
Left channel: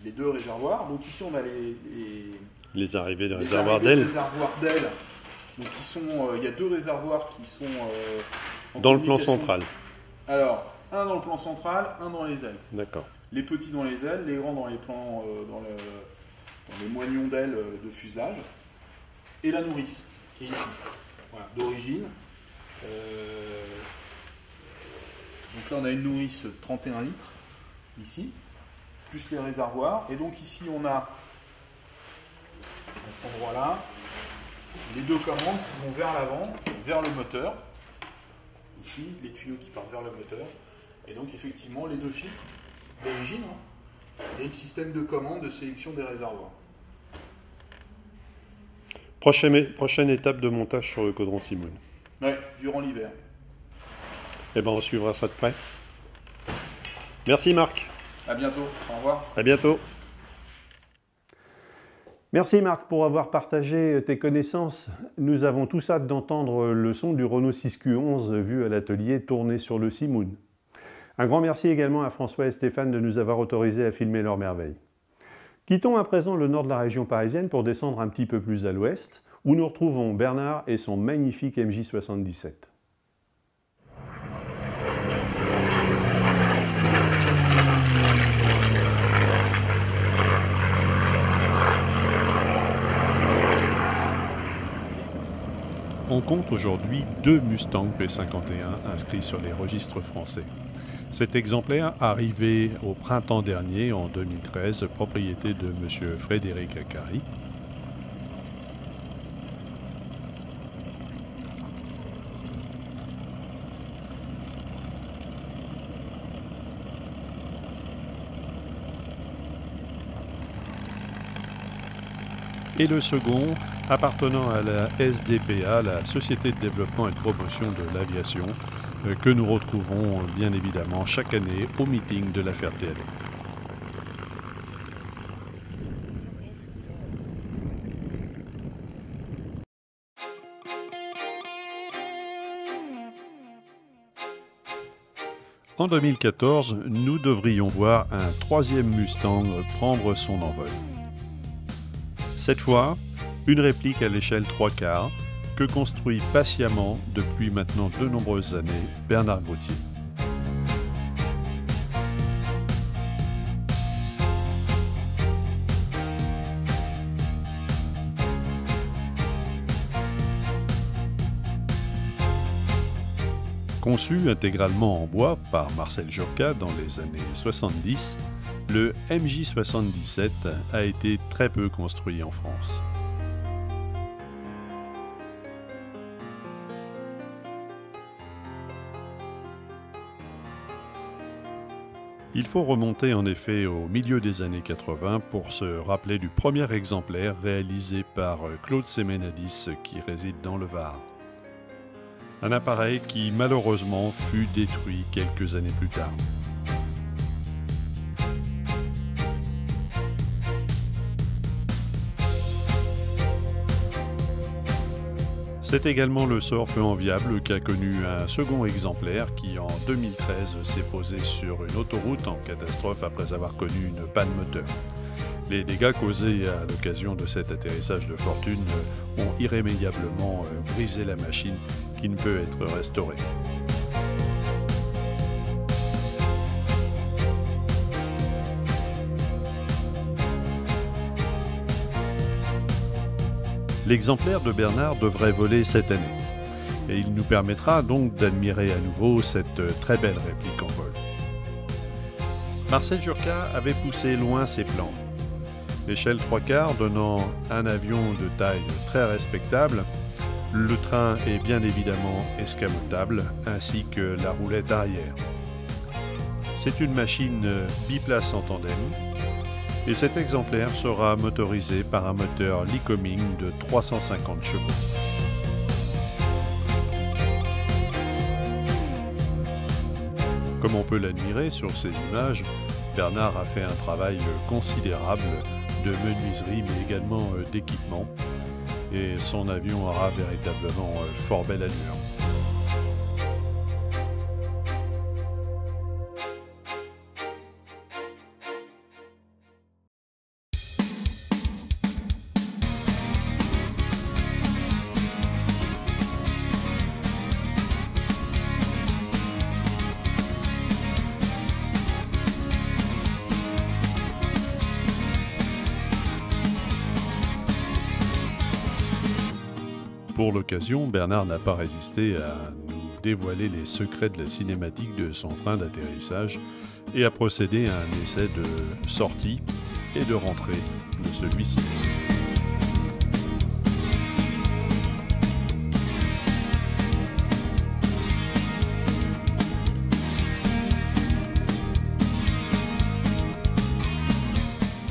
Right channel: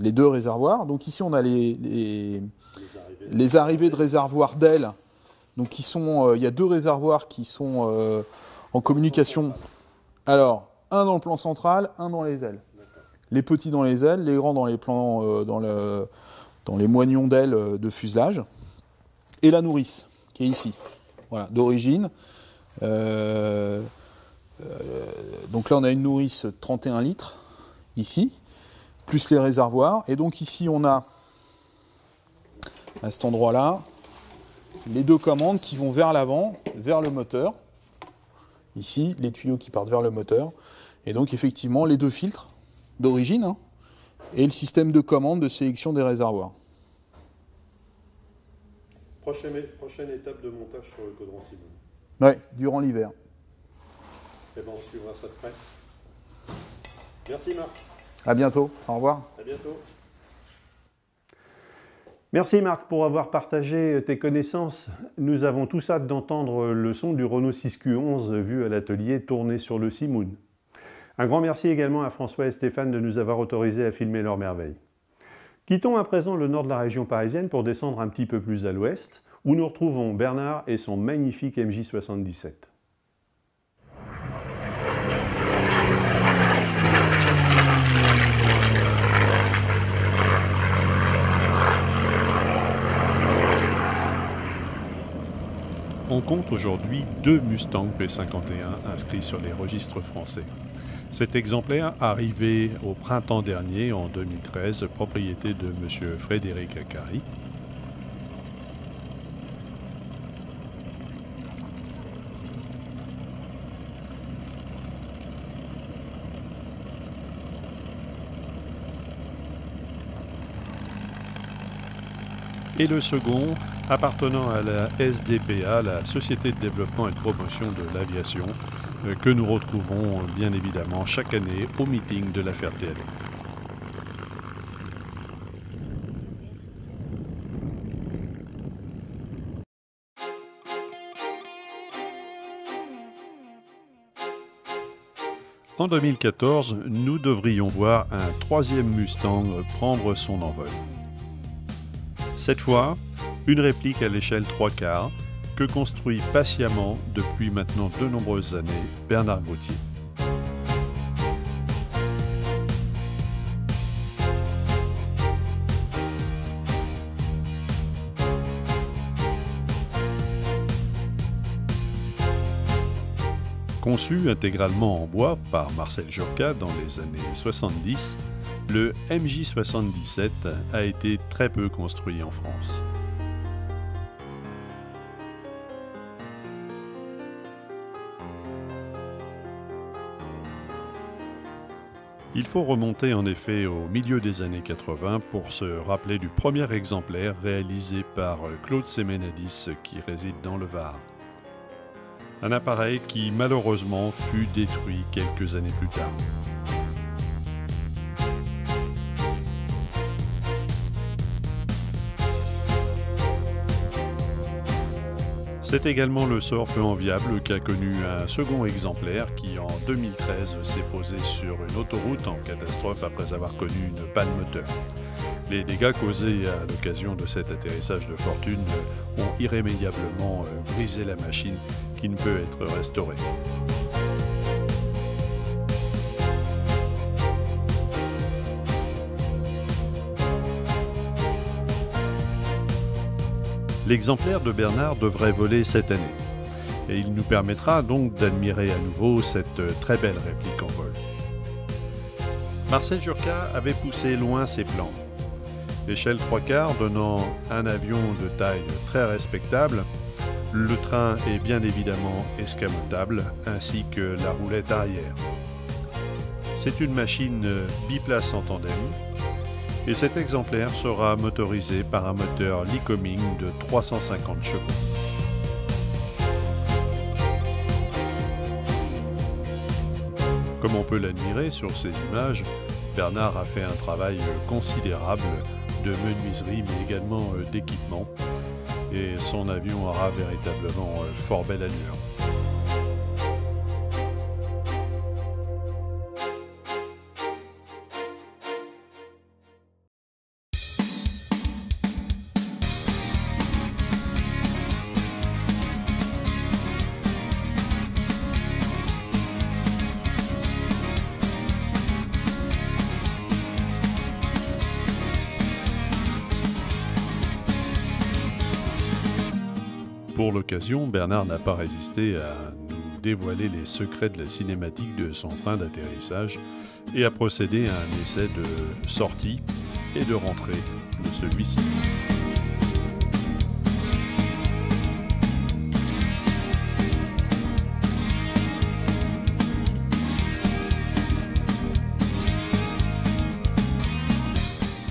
les 2 réservoirs. Donc ici, on a les arrivées de réservoirs d'ailes. Donc, il y a 2 réservoirs qui sont en dans communication. Le plan central. Alors, un dans le plan central, un dans les ailes. D'accord. Les petits dans les ailes, les grands dans les plans, dans les moignons d'ailes de fuselage, et la nourrice qui est ici, voilà, d'origine. Donc là, on a une nourrice 31 litres ici, plus les réservoirs, et donc ici, on a à cet endroit-là les 2 commandes qui vont vers l'avant, vers le moteur. Ici, les tuyaux qui partent vers le moteur, et donc effectivement les 2 filtres d'origine, hein, et le système de commande de sélection des réservoirs. Prochaine étape de montage sur le Caudron Simone. Ouais, durant l'hiver. Eh ben, on suivra ça de près. Merci Marc. À bientôt, au revoir. À bientôt. Merci Marc pour avoir partagé tes connaissances. Nous avons tous hâte d'entendre le son du Renault 6Q11 vu à l'atelier tourner sur le Simoun. Un grand merci également à François et Stéphane de nous avoir autorisés à filmer leurs merveilles. Quittons à présent le nord de la région parisienne pour descendre un petit peu plus à l'ouest, où nous retrouvons Bernard et son magnifique MJ77. On compte aujourd'hui 2 Mustang P51 inscrits sur les registres français. Cet exemplaire, arrivé au printemps dernier, en 2013, propriété de M. Frédéric Acari. Et le second, appartenant à la SDPA, la Société de développement et de promotion de l'aviation, que nous retrouvons bien évidemment chaque année au meeting de la Ferté-Alais. En 2014, nous devrions voir un 3e Mustang prendre son envol. Cette fois, une réplique à l'échelle 3/4 que construit patiemment depuis maintenant de nombreuses années Bernard Gauthier. Conçu intégralement en bois par Marcel Jurka dans les années 70, le MJ77 a été très peu construit en France. Il faut remonter en effet au milieu des années 80 pour se rappeler du premier exemplaire réalisé par Claude Semenadis qui réside dans le Var. Un appareil qui malheureusement fut détruit quelques années plus tard. C'est également le sort peu enviable qu'a connu un second exemplaire qui en 2013 s'est posé sur une autoroute en catastrophe après avoir connu une panne moteur. Les dégâts causés à l'occasion de cet atterrissage de fortune ont irrémédiablement brisé la machine qui ne peut être restaurée. L'exemplaire de Bernard devrait voler cette année, et il nous permettra donc d'admirer à nouveau cette très belle réplique en vol. Marcel Jurka avait poussé loin ses plans. L'échelle 3/4 donnant un avion de taille très respectable, le train est bien évidemment escamotable, ainsi que la roulette arrière. C'est une machine biplace en tandem, et cet exemplaire sera motorisé par un moteur Lycoming de 350 chevaux. Comme on peut l'admirer sur ces images, Bernard a fait un travail considérable de menuiserie mais également d'équipement, et son avion aura véritablement fort belle allure. Pour l'occasion, Bernard n'a pas résisté à nous dévoiler les secrets de la cinématique de son train d'atterrissage et a procédé à un essai de sortie et de rentrée de celui-ci.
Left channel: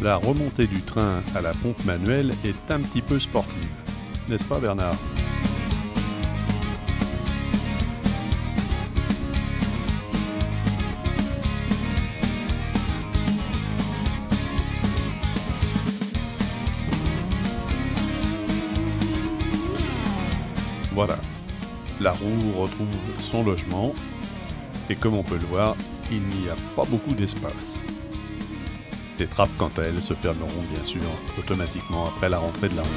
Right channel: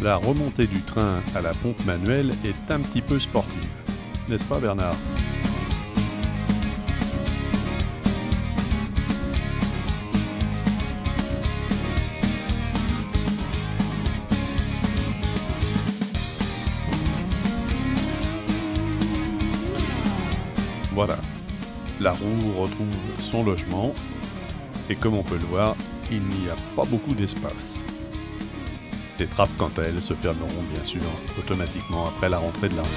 La remontée du train à la pompe manuelle est un petit peu sportive. N'est-ce pas Bernard ? Voilà, la roue retrouve son logement et comme on peut le voir, il n'y a pas beaucoup d'espace. Les trappes, quant à elles, se fermeront bien sûr automatiquement après la rentrée de la roue.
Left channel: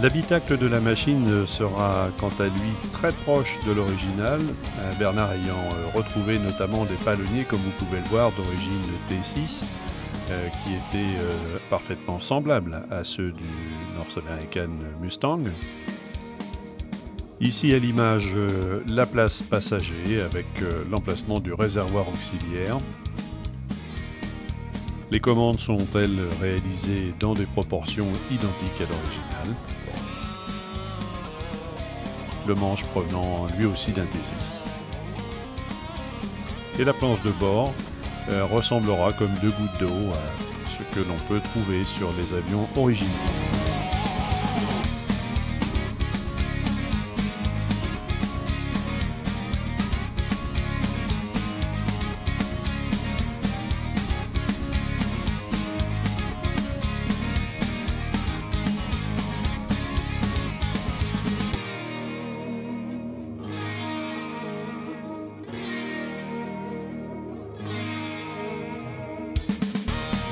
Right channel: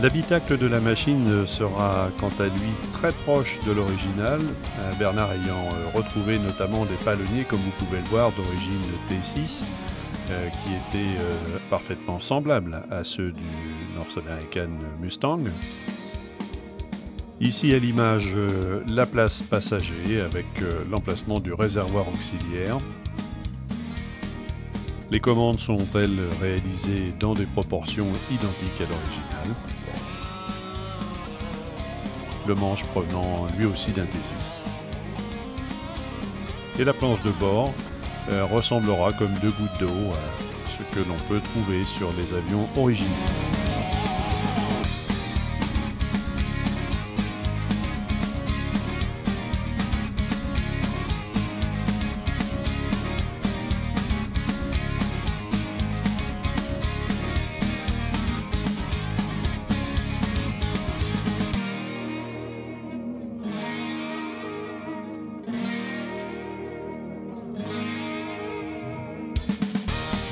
L'habitacle de la machine sera quant à lui très proche de l'original, Bernard ayant retrouvé notamment des palonniers, comme vous pouvez le voir, d'origine T6, qui étaient parfaitement semblables à ceux du North American Mustang. Ici à l'image, la place passager avec l'emplacement du réservoir auxiliaire. Les commandes sont, elles, réalisées dans des proportions identiques à l'original. Le manche provenant lui aussi d'un T6. Et la planche de bord ressemblera comme deux gouttes d'eau à ce que l'on peut trouver sur les avions originaux.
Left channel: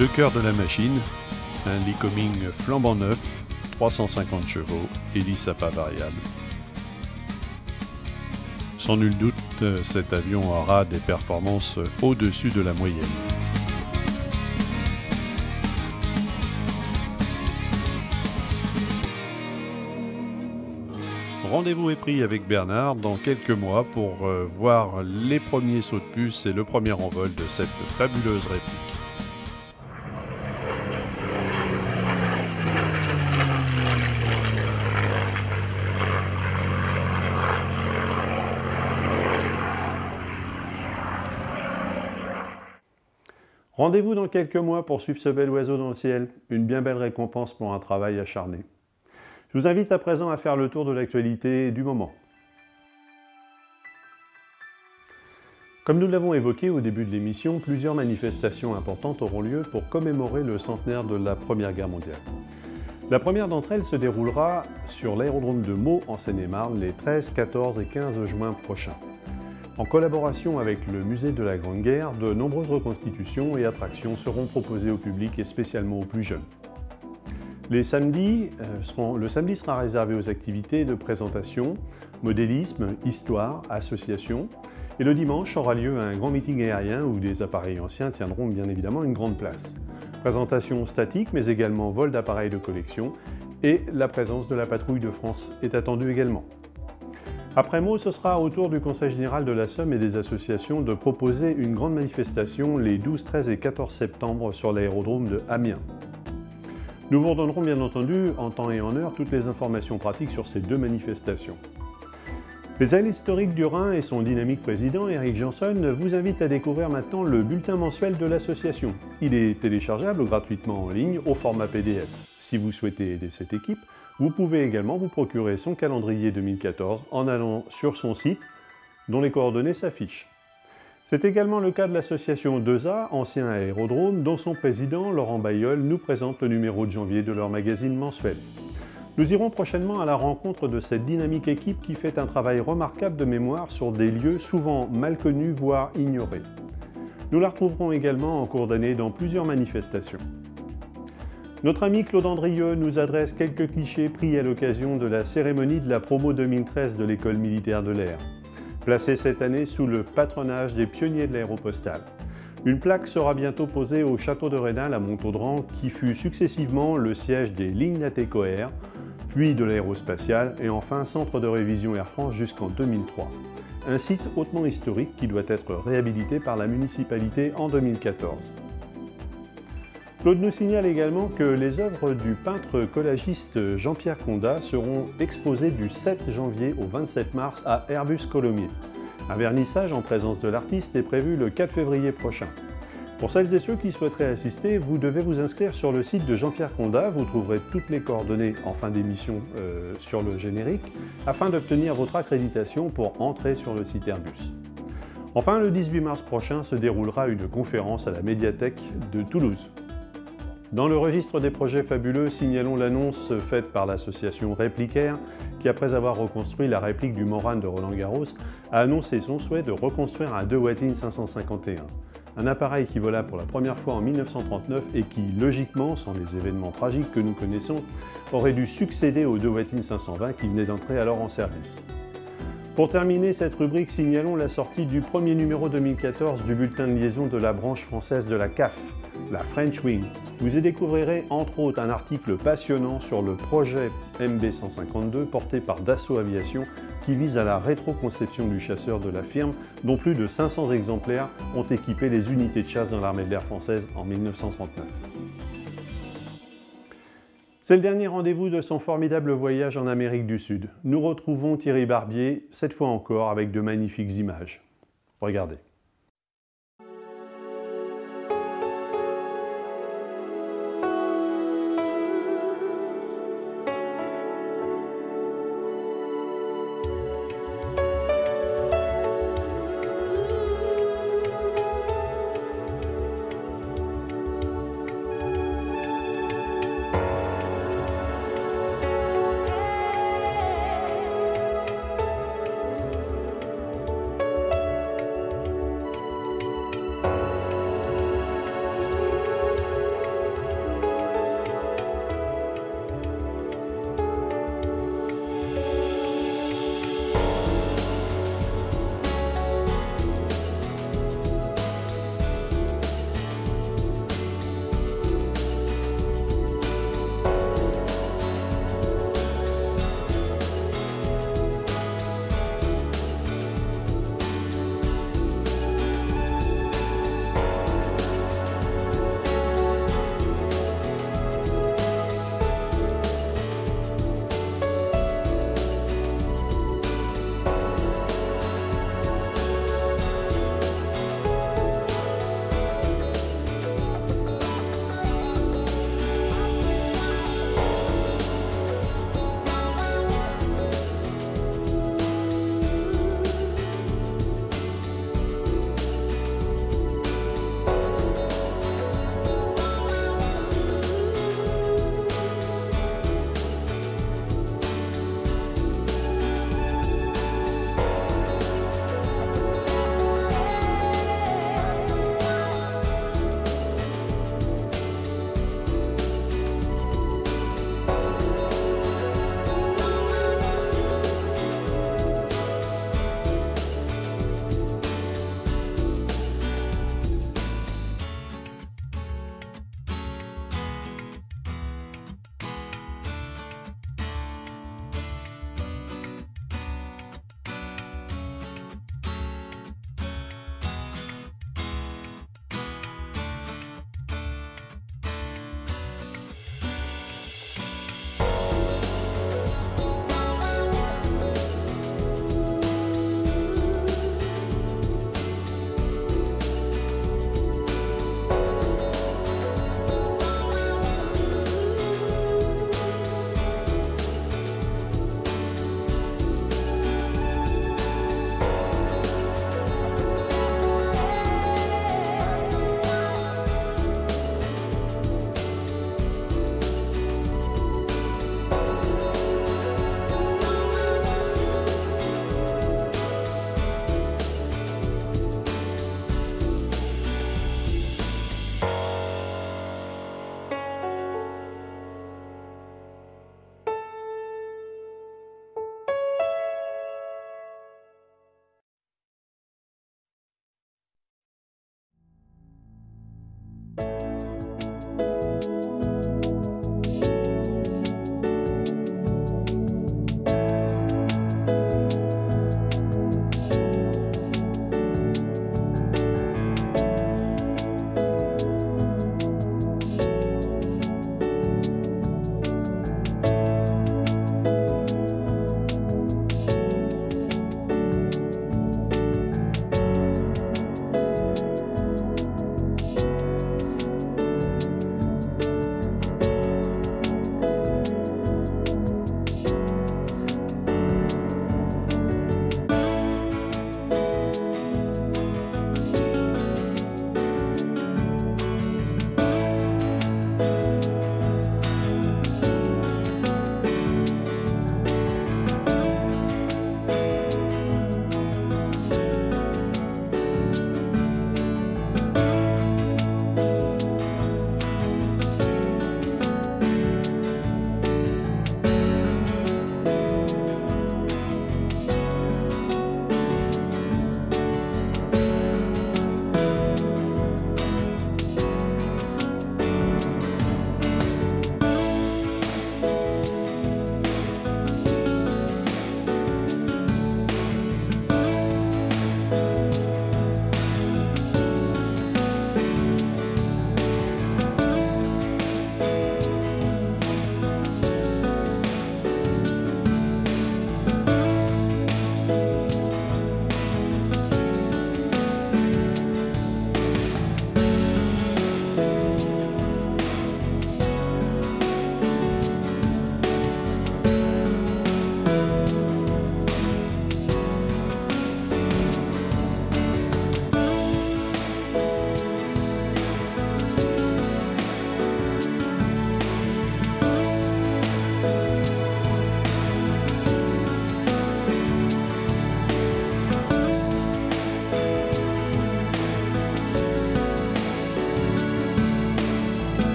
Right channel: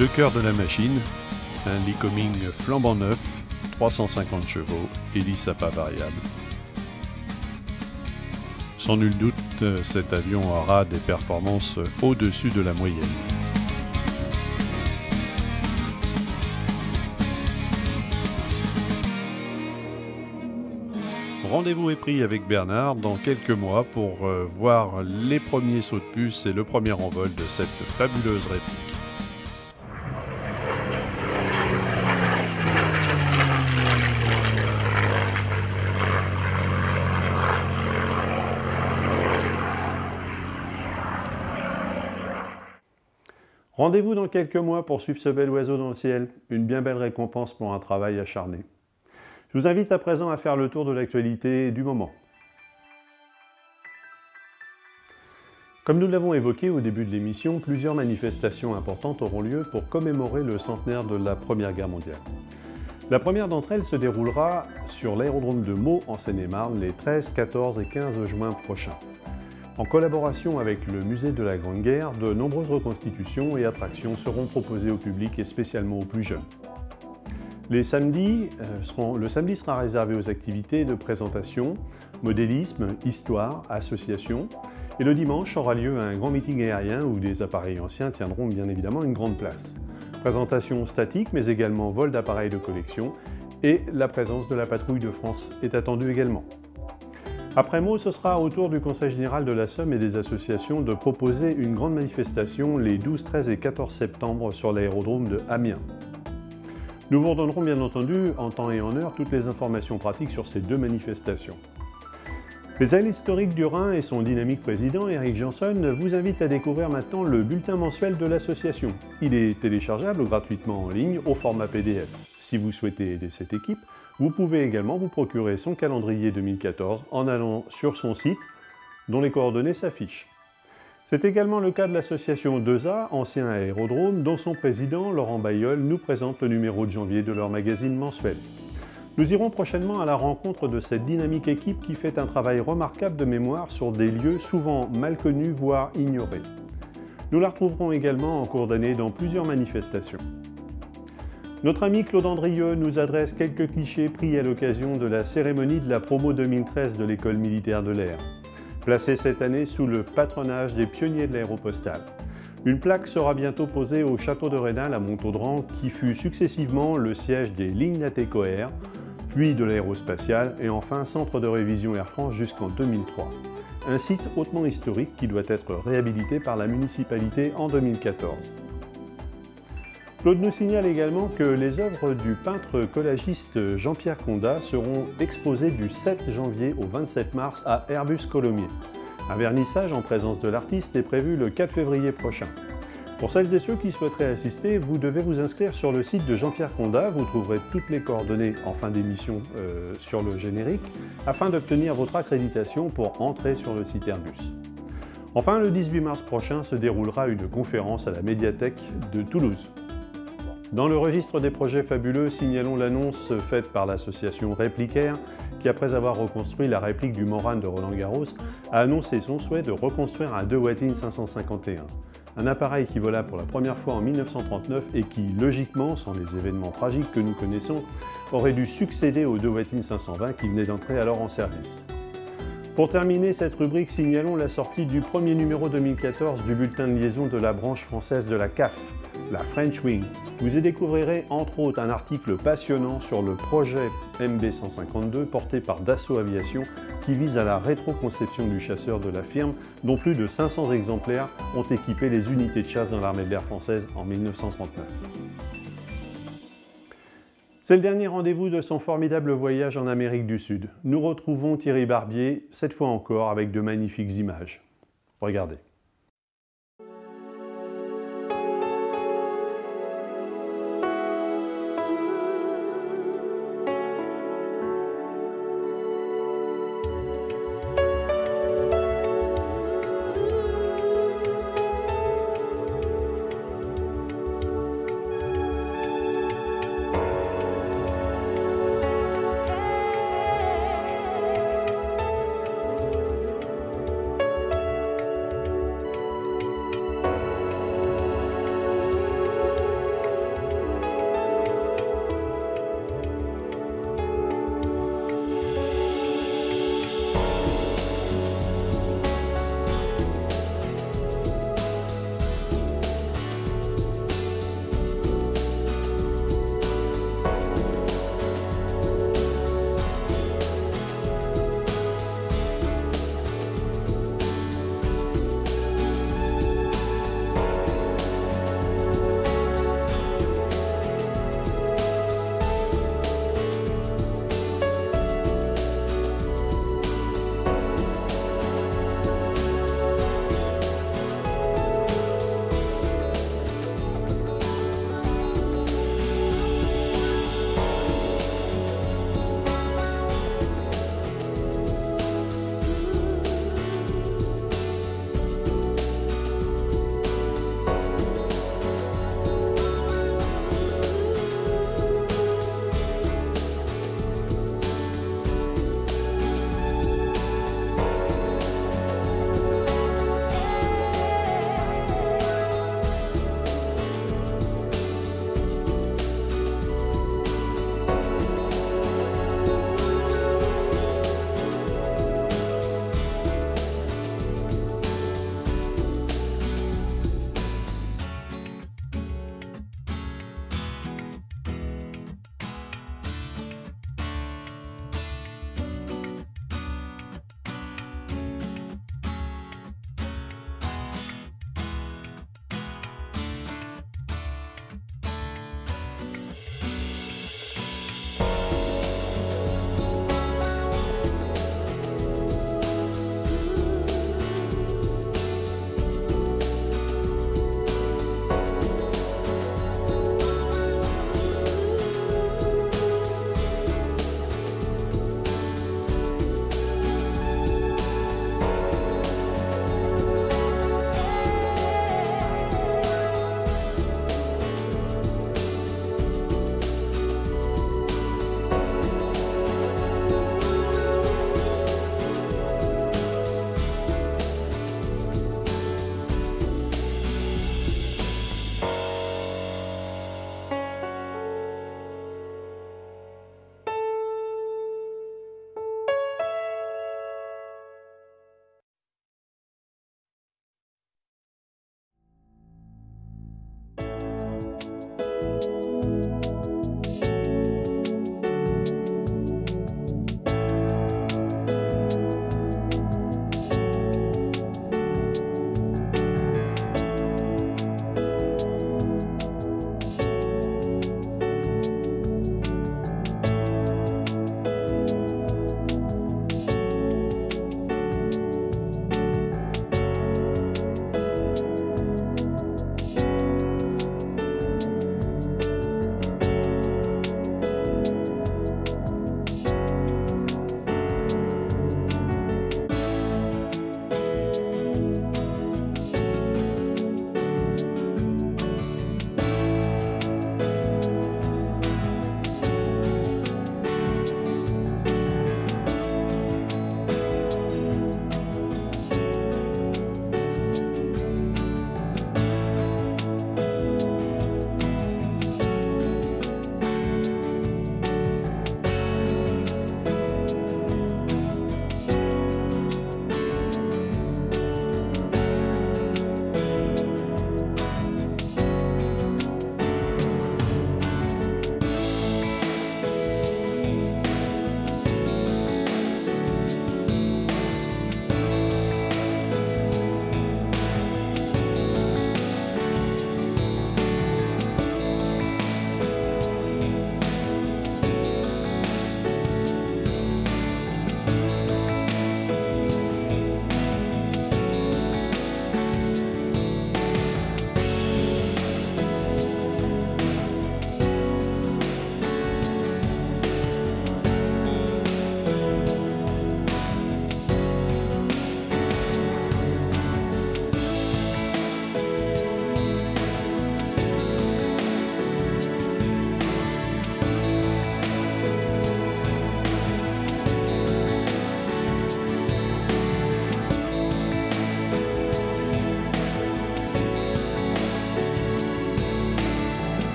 Le cœur de la machine, un Lycoming flambant neuf, 350 chevaux, hélice à pas variable. Sans nul doute, cet avion aura des performances au-dessus de la moyenne. Rendez-vous est pris avec Bernard dans quelques mois pour voir les premiers sauts de puce et le premier envol de cette fabuleuse réplique. Rendez-vous dans quelques mois pour suivre ce bel oiseau dans le ciel, une bien belle récompense pour un travail acharné. Je vous invite à présent à faire le tour de l'actualité du moment. Comme nous l'avons évoqué au début de l'émission, plusieurs manifestations importantes auront lieu pour commémorer le centenaire de la Première Guerre mondiale. La première d'entre elles se déroulera sur l'aérodrome de Meaux en Seine-et-Marne les 13, 14 et 15 juin prochains. En collaboration avec le Musée de la Grande Guerre, de nombreuses reconstitutions et attractions seront proposées au public et spécialement aux plus jeunes. Le samedi sera réservé aux activités de présentation, modélisme, histoire, association. Et le dimanche aura lieu un grand meeting aérien où des appareils anciens tiendront bien évidemment une grande place. Présentation statique mais également vol d'appareils de collection et la présence de la patrouille de France est attendue également. Après Meaux, ce sera au tour du Conseil général de la Somme et des associations de proposer une grande manifestation les 12, 13 et 14 septembre sur l'aérodrome de Amiens. Nous vous redonnerons bien entendu en temps et en heure toutes les informations pratiques sur ces deux manifestations. Les Halles historiques du Rhin et son dynamique président, Eric Janson, vous invitent à découvrir maintenant le bulletin mensuel de l'association. Il est téléchargeable gratuitement en ligne au format PDF. Si vous souhaitez aider cette équipe, vous pouvez également vous procurer son calendrier 2014 en allant sur son site, dont les coordonnées s'affichent. C'est également le cas de l'association 2A, ancien aérodrome, dont son président, Laurent Bailleul, nous présente le numéro de janvier de leur magazine mensuel. Nous irons prochainement à la rencontre de cette dynamique équipe qui fait un travail remarquable de mémoire sur des lieux souvent mal connus, voire ignorés. Nous la retrouverons également en cours d'année dans plusieurs manifestations. Notre ami Claude Andrieux nous adresse quelques clichés pris à l'occasion de la cérémonie de la promo 2013 de l'École militaire de l'air, placée cette année sous le patronage des pionniers de l'aéropostale. Une plaque sera bientôt posée au château de Rénal à Montaudran, qui fut successivement le siège des lignes Natecoair, puis de l'aérospatiale et enfin centre de révision Air France jusqu'en 2003. Un site hautement historique qui doit être réhabilité par la municipalité en 2014. Claude nous signale également que les œuvres du peintre collagiste Jean-Pierre Condat seront exposées du 7 janvier au 27 mars à Airbus Colomiers. Un vernissage en présence de l'artiste est prévu le 4 février prochain. Pour celles et ceux qui souhaiteraient assister, vous devez vous inscrire sur le site de Jean-Pierre Condat. Vous trouverez toutes les coordonnées en fin d'émission sur le générique, afin d'obtenir votre accréditation pour entrer sur le site Airbus. Enfin, le 18 mars prochain se déroulera une conférence à la médiathèque de Toulouse. Dans le registre des projets fabuleux, signalons l'annonce faite par l'association Réplicaire, qui après avoir reconstruit la réplique du Morane de Roland-Garros, a annoncé son souhait de reconstruire un DeWattin 551. Un appareil qui vola pour la première fois en 1939 et qui, logiquement, sans les événements tragiques que nous connaissons, aurait dû succéder au DeWattin 520 qui venait d'entrer alors en service. Pour terminer cette rubrique, signalons la sortie du premier numéro 2014 du bulletin de liaison de la branche française de la CAF, la French Wing. Vous y découvrirez entre autres un article passionnant sur le projet MB152 porté par Dassault Aviation qui vise à la rétroconception du chasseur de la firme dont plus de 500 exemplaires ont équipé les unités de chasse dans l'armée de l'air française en 1939. C'est le dernier rendez-vous de son formidable voyage en Amérique du Sud. Nous retrouvons Thierry Barbier, cette fois encore avec de magnifiques images. Regardez.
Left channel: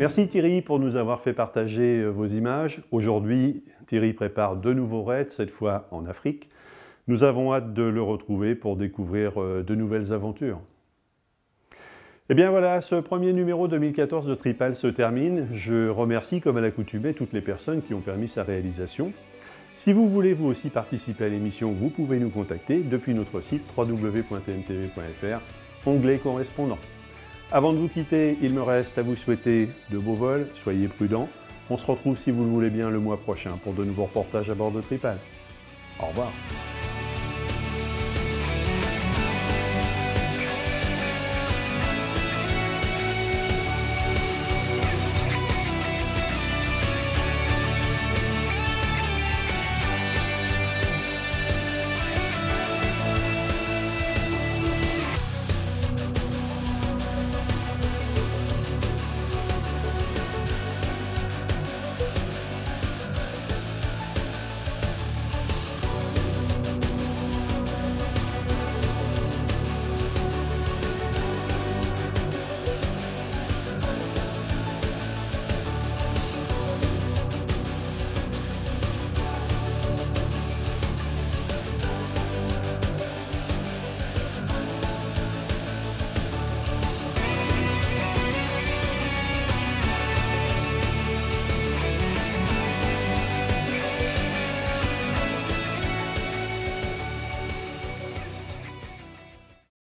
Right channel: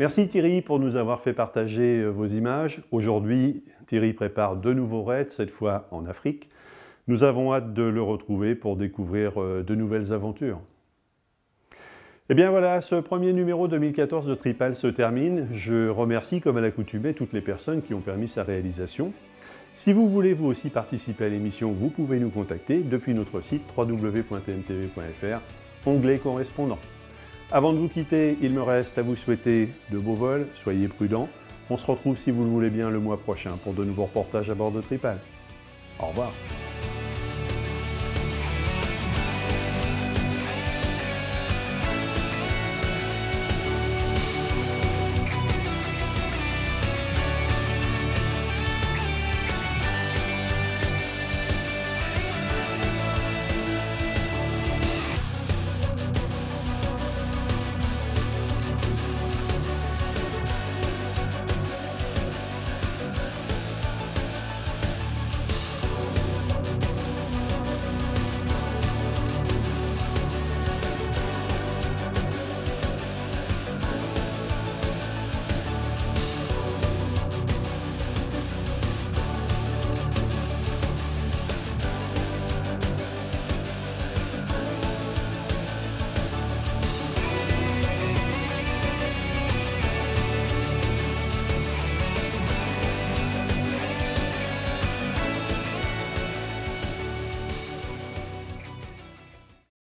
Merci Thierry pour nous avoir fait partager vos images. Aujourd'hui, Thierry prépare de nouveaux raids, cette fois en Afrique. Nous avons hâte de le retrouver pour découvrir de nouvelles aventures. Et bien voilà, ce premier numéro 2014 de Tripal se termine. Je remercie comme à l'accoutumée toutes les personnes qui ont permis sa réalisation. Si vous voulez vous aussi participer à l'émission, vous pouvez nous contacter depuis notre site www.tmtv.fr, onglet correspondant. Avant de vous quitter, il me reste à vous souhaiter de beaux vols, soyez prudents. On se retrouve si vous le voulez bien le mois prochain pour de nouveaux reportages à bord de Tripal. Au revoir.